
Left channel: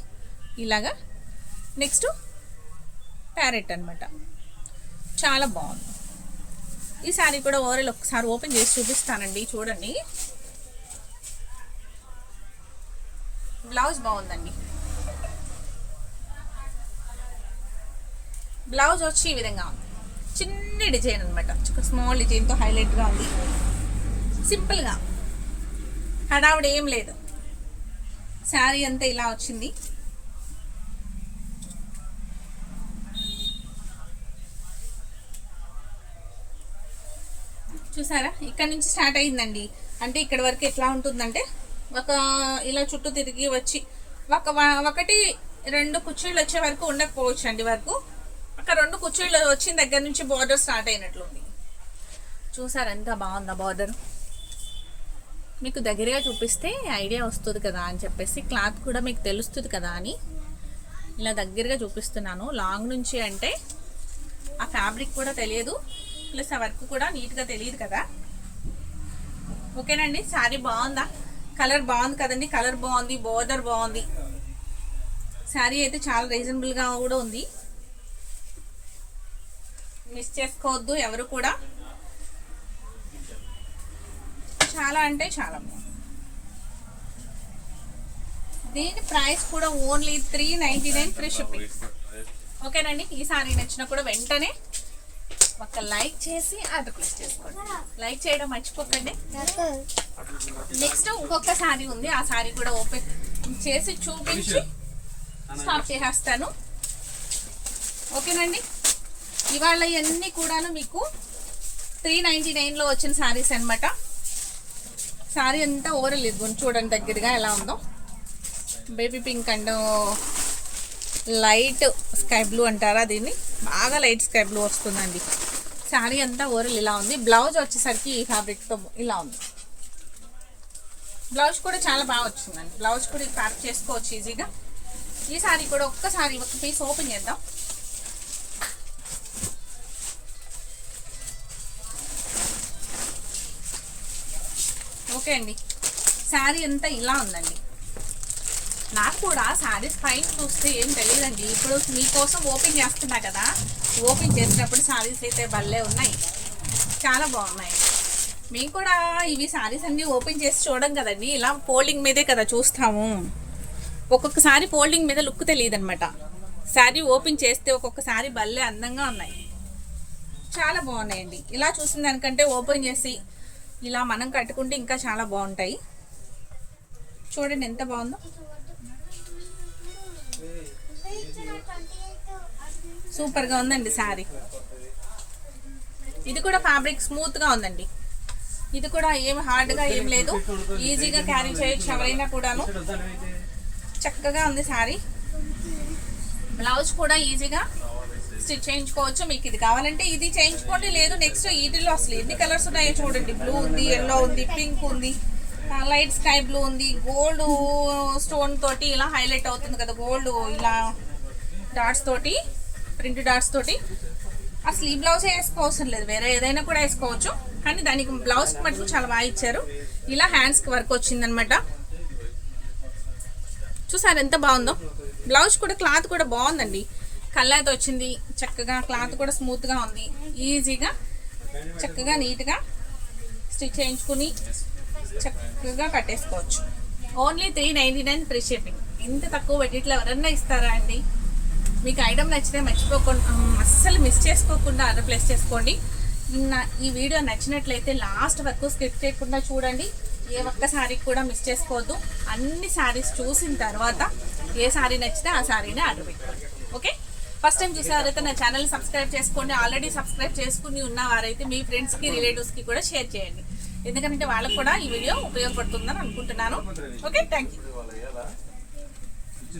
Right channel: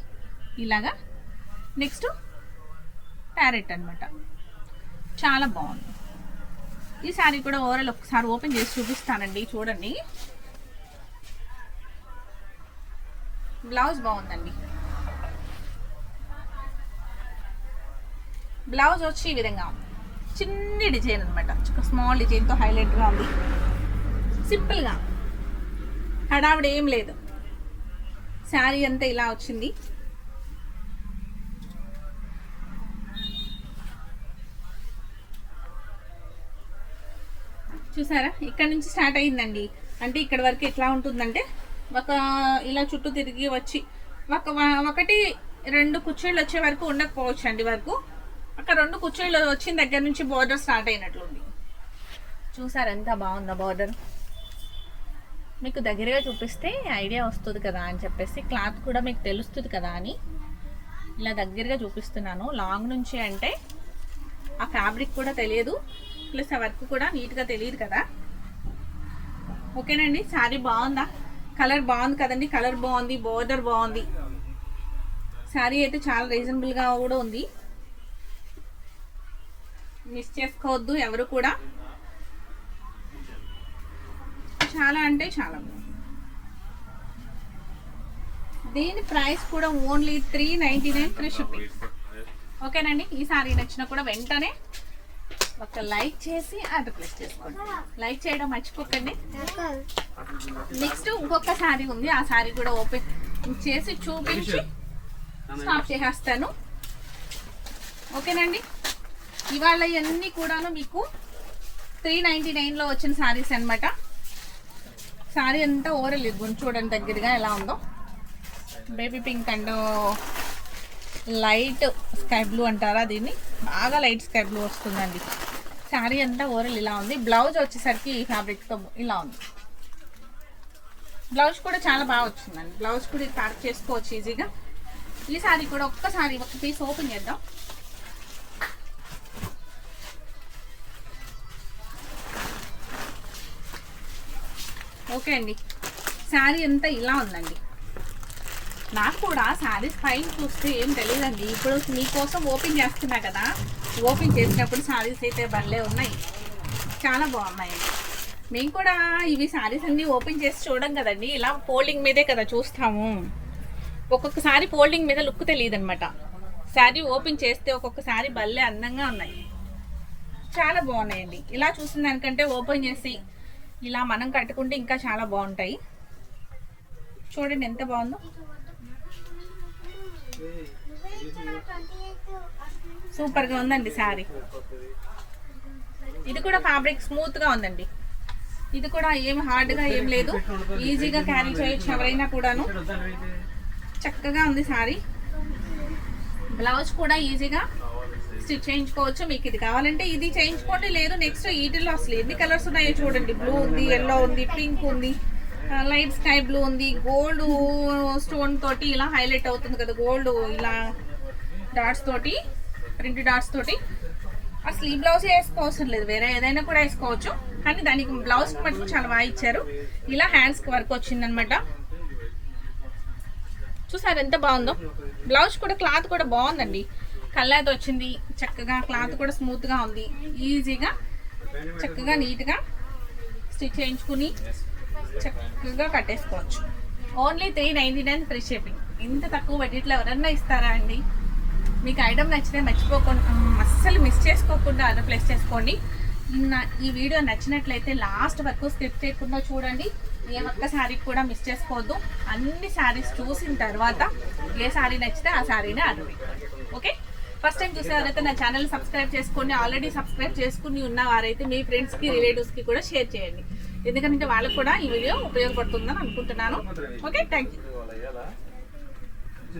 ఇలాగా. నెక్స్ట్ ప్యారెట్ అనమాట. చాలా బాగుంది. ఈ శారీ కూడా ఓవరాల్ ఒకసారి ఓపెన్ చేసి చూపిస్తానండి. చూడండి, బ్లౌజ్ బాగుందండి. బ్లౌజ్ వచ్చి ఈ విధంగా ఉంది. చిన్న డిజైన్ అనమాట, స్మాల్ డిజైన్తో హైలైట్గా ఉంది. సింపుల్గా హడావిడి ఏం లేదు. శారీ అంతా ఇలా వచ్చింది. చూసారా, ఇక్కడ నుంచి స్టార్ట్ అయిందండి. అంటే ఇక్కడ వరకు ఎట్లా ఉంటుందంటే ఒక ఇలా చుట్టూ తిరిగి వచ్చి ఒకటి 2 కుర్చీలు వచ్చే వరకు ఉండకపోవచ్చు అండి. వరకు అక్కడ 2 కుర్చీలు వచ్చిన దగ్గర నుంచి బోర్డర్ స్టార్ట్ అయినట్లుంది. చూసారా ఎంత బాగుందా బోర్డర్. మీకు దగ్గరగా చూపిస్తే ఐడియా వస్తుంది కదా అని చెప్పేసి, క్లాత్ కూడా మీకు తెలుస్తుంది కదా అని ఇలా దగ్గరగా చూపిస్తున్నాను. లాంగ్ నుంచి అంటే ఆ ఫ్యాబ్రిక్ కూడా తెలియదు, ప్లస్ ఆ వర్క్ కూడా నీట్గా తెలియదు కదా. ఓకేనండి, శారీ బాగుందా? కలర్ బాగుంది కదండి, కలర్ బాగుంది, బోర్డర్ బాగుంది. శారీ అయితే చాలా రీజనబుల్గా కూడా ఉంది. మిస్ చేసుకోవద్దు ఎవరు కూడా. చాలా అంటే చాలా బాగుంది. దీని ప్రైస్ కూడా ఓన్లీ 399 ఫ్రీ షిప్పింగ్. ఓకేనండి, ఈ సారీ నచ్చినా కూడా వెంటనే ఒక లైక్ చేసి ఆర్డర్ ప్లేస్ చేసుకోండి. లైక్ చేయడం మర్చిపోకండి. నెక్స్ట్ ఇంకొక శారీ ఉంది, ఆ శారీ కూడా ఓపెన్ చేసి చూపించి స్టాప్ చేసేస్తాను. ఓకేనండి, ఇవాళ ఇవన్నీ కూడా మీకు 399లో వచ్చిన శారీస్ అనమాట. శారీ అంతా ఓవరాల్ ఇది చూడండి దగ్గరగా ఎలా ఉందో. Baby pink and light sky blue అంటారా దీన్ని, బాగా లైట్ స్కై బ్లూ వస్తుందండి. శారీ అంతా ఓవరాల్ ఇలా ఉంది. బ్లౌజ్ వచ్చేసరికి ఈ ఫ్యాబ్రిక్తో ఇలా ఉంది. బ్లౌజ్ కూడా చాలా బాగా వచ్చిందండి. బ్లౌజ్ కూడా ఇది ప్యాక్ చేసుకోవచ్చు ఈజీగా. ఈ శారీ కూడా ఒక్కసారి ఒక పీస్ ఓపెన్ చేద్దాం. ఓకే అండి, శారీ అంతా ఇలా ఉందండి. నాకు కూడా శారీస్ పైన చూస్తే ఏం తెలియదండి. ఇప్పుడు మీకోసం ఓపెన్ చేస్తున్నా కదా, ఓపెన్ చేసినప్పుడు శారీస్ అయితే భలే ఉన్నాయి, చాలా బాగున్నాయి. మేము కూడా ఇవి శారీస్ అన్నీ ఓపెన్ చేసి చూడం కదండి, ఇలా ఫోల్డింగ్ మీదే కదా చూస్తాము. ఒక్కొక్కసారి ఫోల్డింగ్ మీద లుక్ తెలియదు అనమాట. శారీ ఓపెన్ చేస్తే ఒక్కొక్కసారి భలే అందంగా ఉన్నాయి, చాలా బాగున్నాయండి. ఇలా చూసిన దానికంటే ఓపెన్ చేసి ఇలా మనం కట్టుకుంటే ఇంకా చాలా బాగుంటాయి. చూడండి ఎంత బాగుందో, సూపర్గా ఉందండి శారీ. ఇది కూడా ఫ్యాబ్రిక్ స్మూత్గా ఉందండి. ఇది కూడా ఏం హార్డ్గా ఏం లేదు, ఈజీగా క్యారీ చేయొచ్చు ఎవరైనా కూడాను. చక్కగా ఉంది శారీ. బ్లౌజ్ కూడా ఈజీగా స్టిచ్ చేయించుకోవచ్చు. మీకు ఇది కావాలంటే ఇది చేయించుకోండి, లేదు నెక్స్ట్ వీటిలో అసలు ఎన్ని కలర్స్ ఉన్నాయో చూడండి. బ్లూ ఉంది, ఎల్లో ఉంది, పింక్ ఉంది, లైట్ స్కై బ్లూ ఉంది, గోల్డ్ స్టోన్ తోటి ఇలా హైలైట్ అవుతుంది కదా, గోల్డ్ ఇలా డాట్స్ తోటి, ప్రింట్ డాట్స్ తోటి. అసలు ఈ బ్లౌజ్ వేసుకోవసం లేదు, వేరే ఏదైనా కూడా వేసుకోవచ్చు. కానీ దానికి బ్లౌజ్ మటుకు చాలా బాగా ఇచ్చారు. ఇలా హ్యాండ్స్కి వర్క్ వచ్చిందనమాట. చూసారు ఎంత బాగుందో. బ్లౌజ్ కూడా క్లాత్ కూడా బాగుందండి, కల్లాతో వచ్చింది చక్కగా. క్లాత్ కూడా స్మూత్గా ఉంది, ఈజీగా చక్కగా నీట్గా స్టిచ్ చేయించుకుని చక్కగా కట్టేసుకోవచ్చు. Only 399 free shipping. ఇంత తక్కువ బడ్జెట్లో ఎవరన్నా ఇస్తారా అండి? మీకు ఐటమ్ నచ్చితే మర్చిపోకుండా, అస్సలు మిస్ చేసుకోకుండా ఆర్డర్ ప్లేస్ చేసుకోండి. ఈ వీడియో నచ్చినట్లయితే లాస్ట్ వరకు స్కిప్ చేయకుండా చూడండి. ఏ ఒక్క శారీ కూడా మిస్ చేసుకోవద్దు. అన్ని శారీస్ చూసిన తర్వాత ఏ శారీ నచ్చితే ఆ శారీని ఆర్డర్ పెట్టుకోండి. ఓకే, ఫస్ట్ టైం చూసేవారైతే నా ఛానల్ సబ్స్క్రైబ్ చేసుకోండి. ఆల్రెడీ సబ్స్క్రైబ్ చేసుకుని ఉన్న వారైతే మీ ఫ్రెండ్స్కి, రిలేటివ్స్కి కూడా షేర్ చేయండి, ఎందుకంటే వాళ్ళకు కూడా ఈ వీడియో ఉపయోగపడుతుందని అనుకుంటున్నాను. Okay, thank you.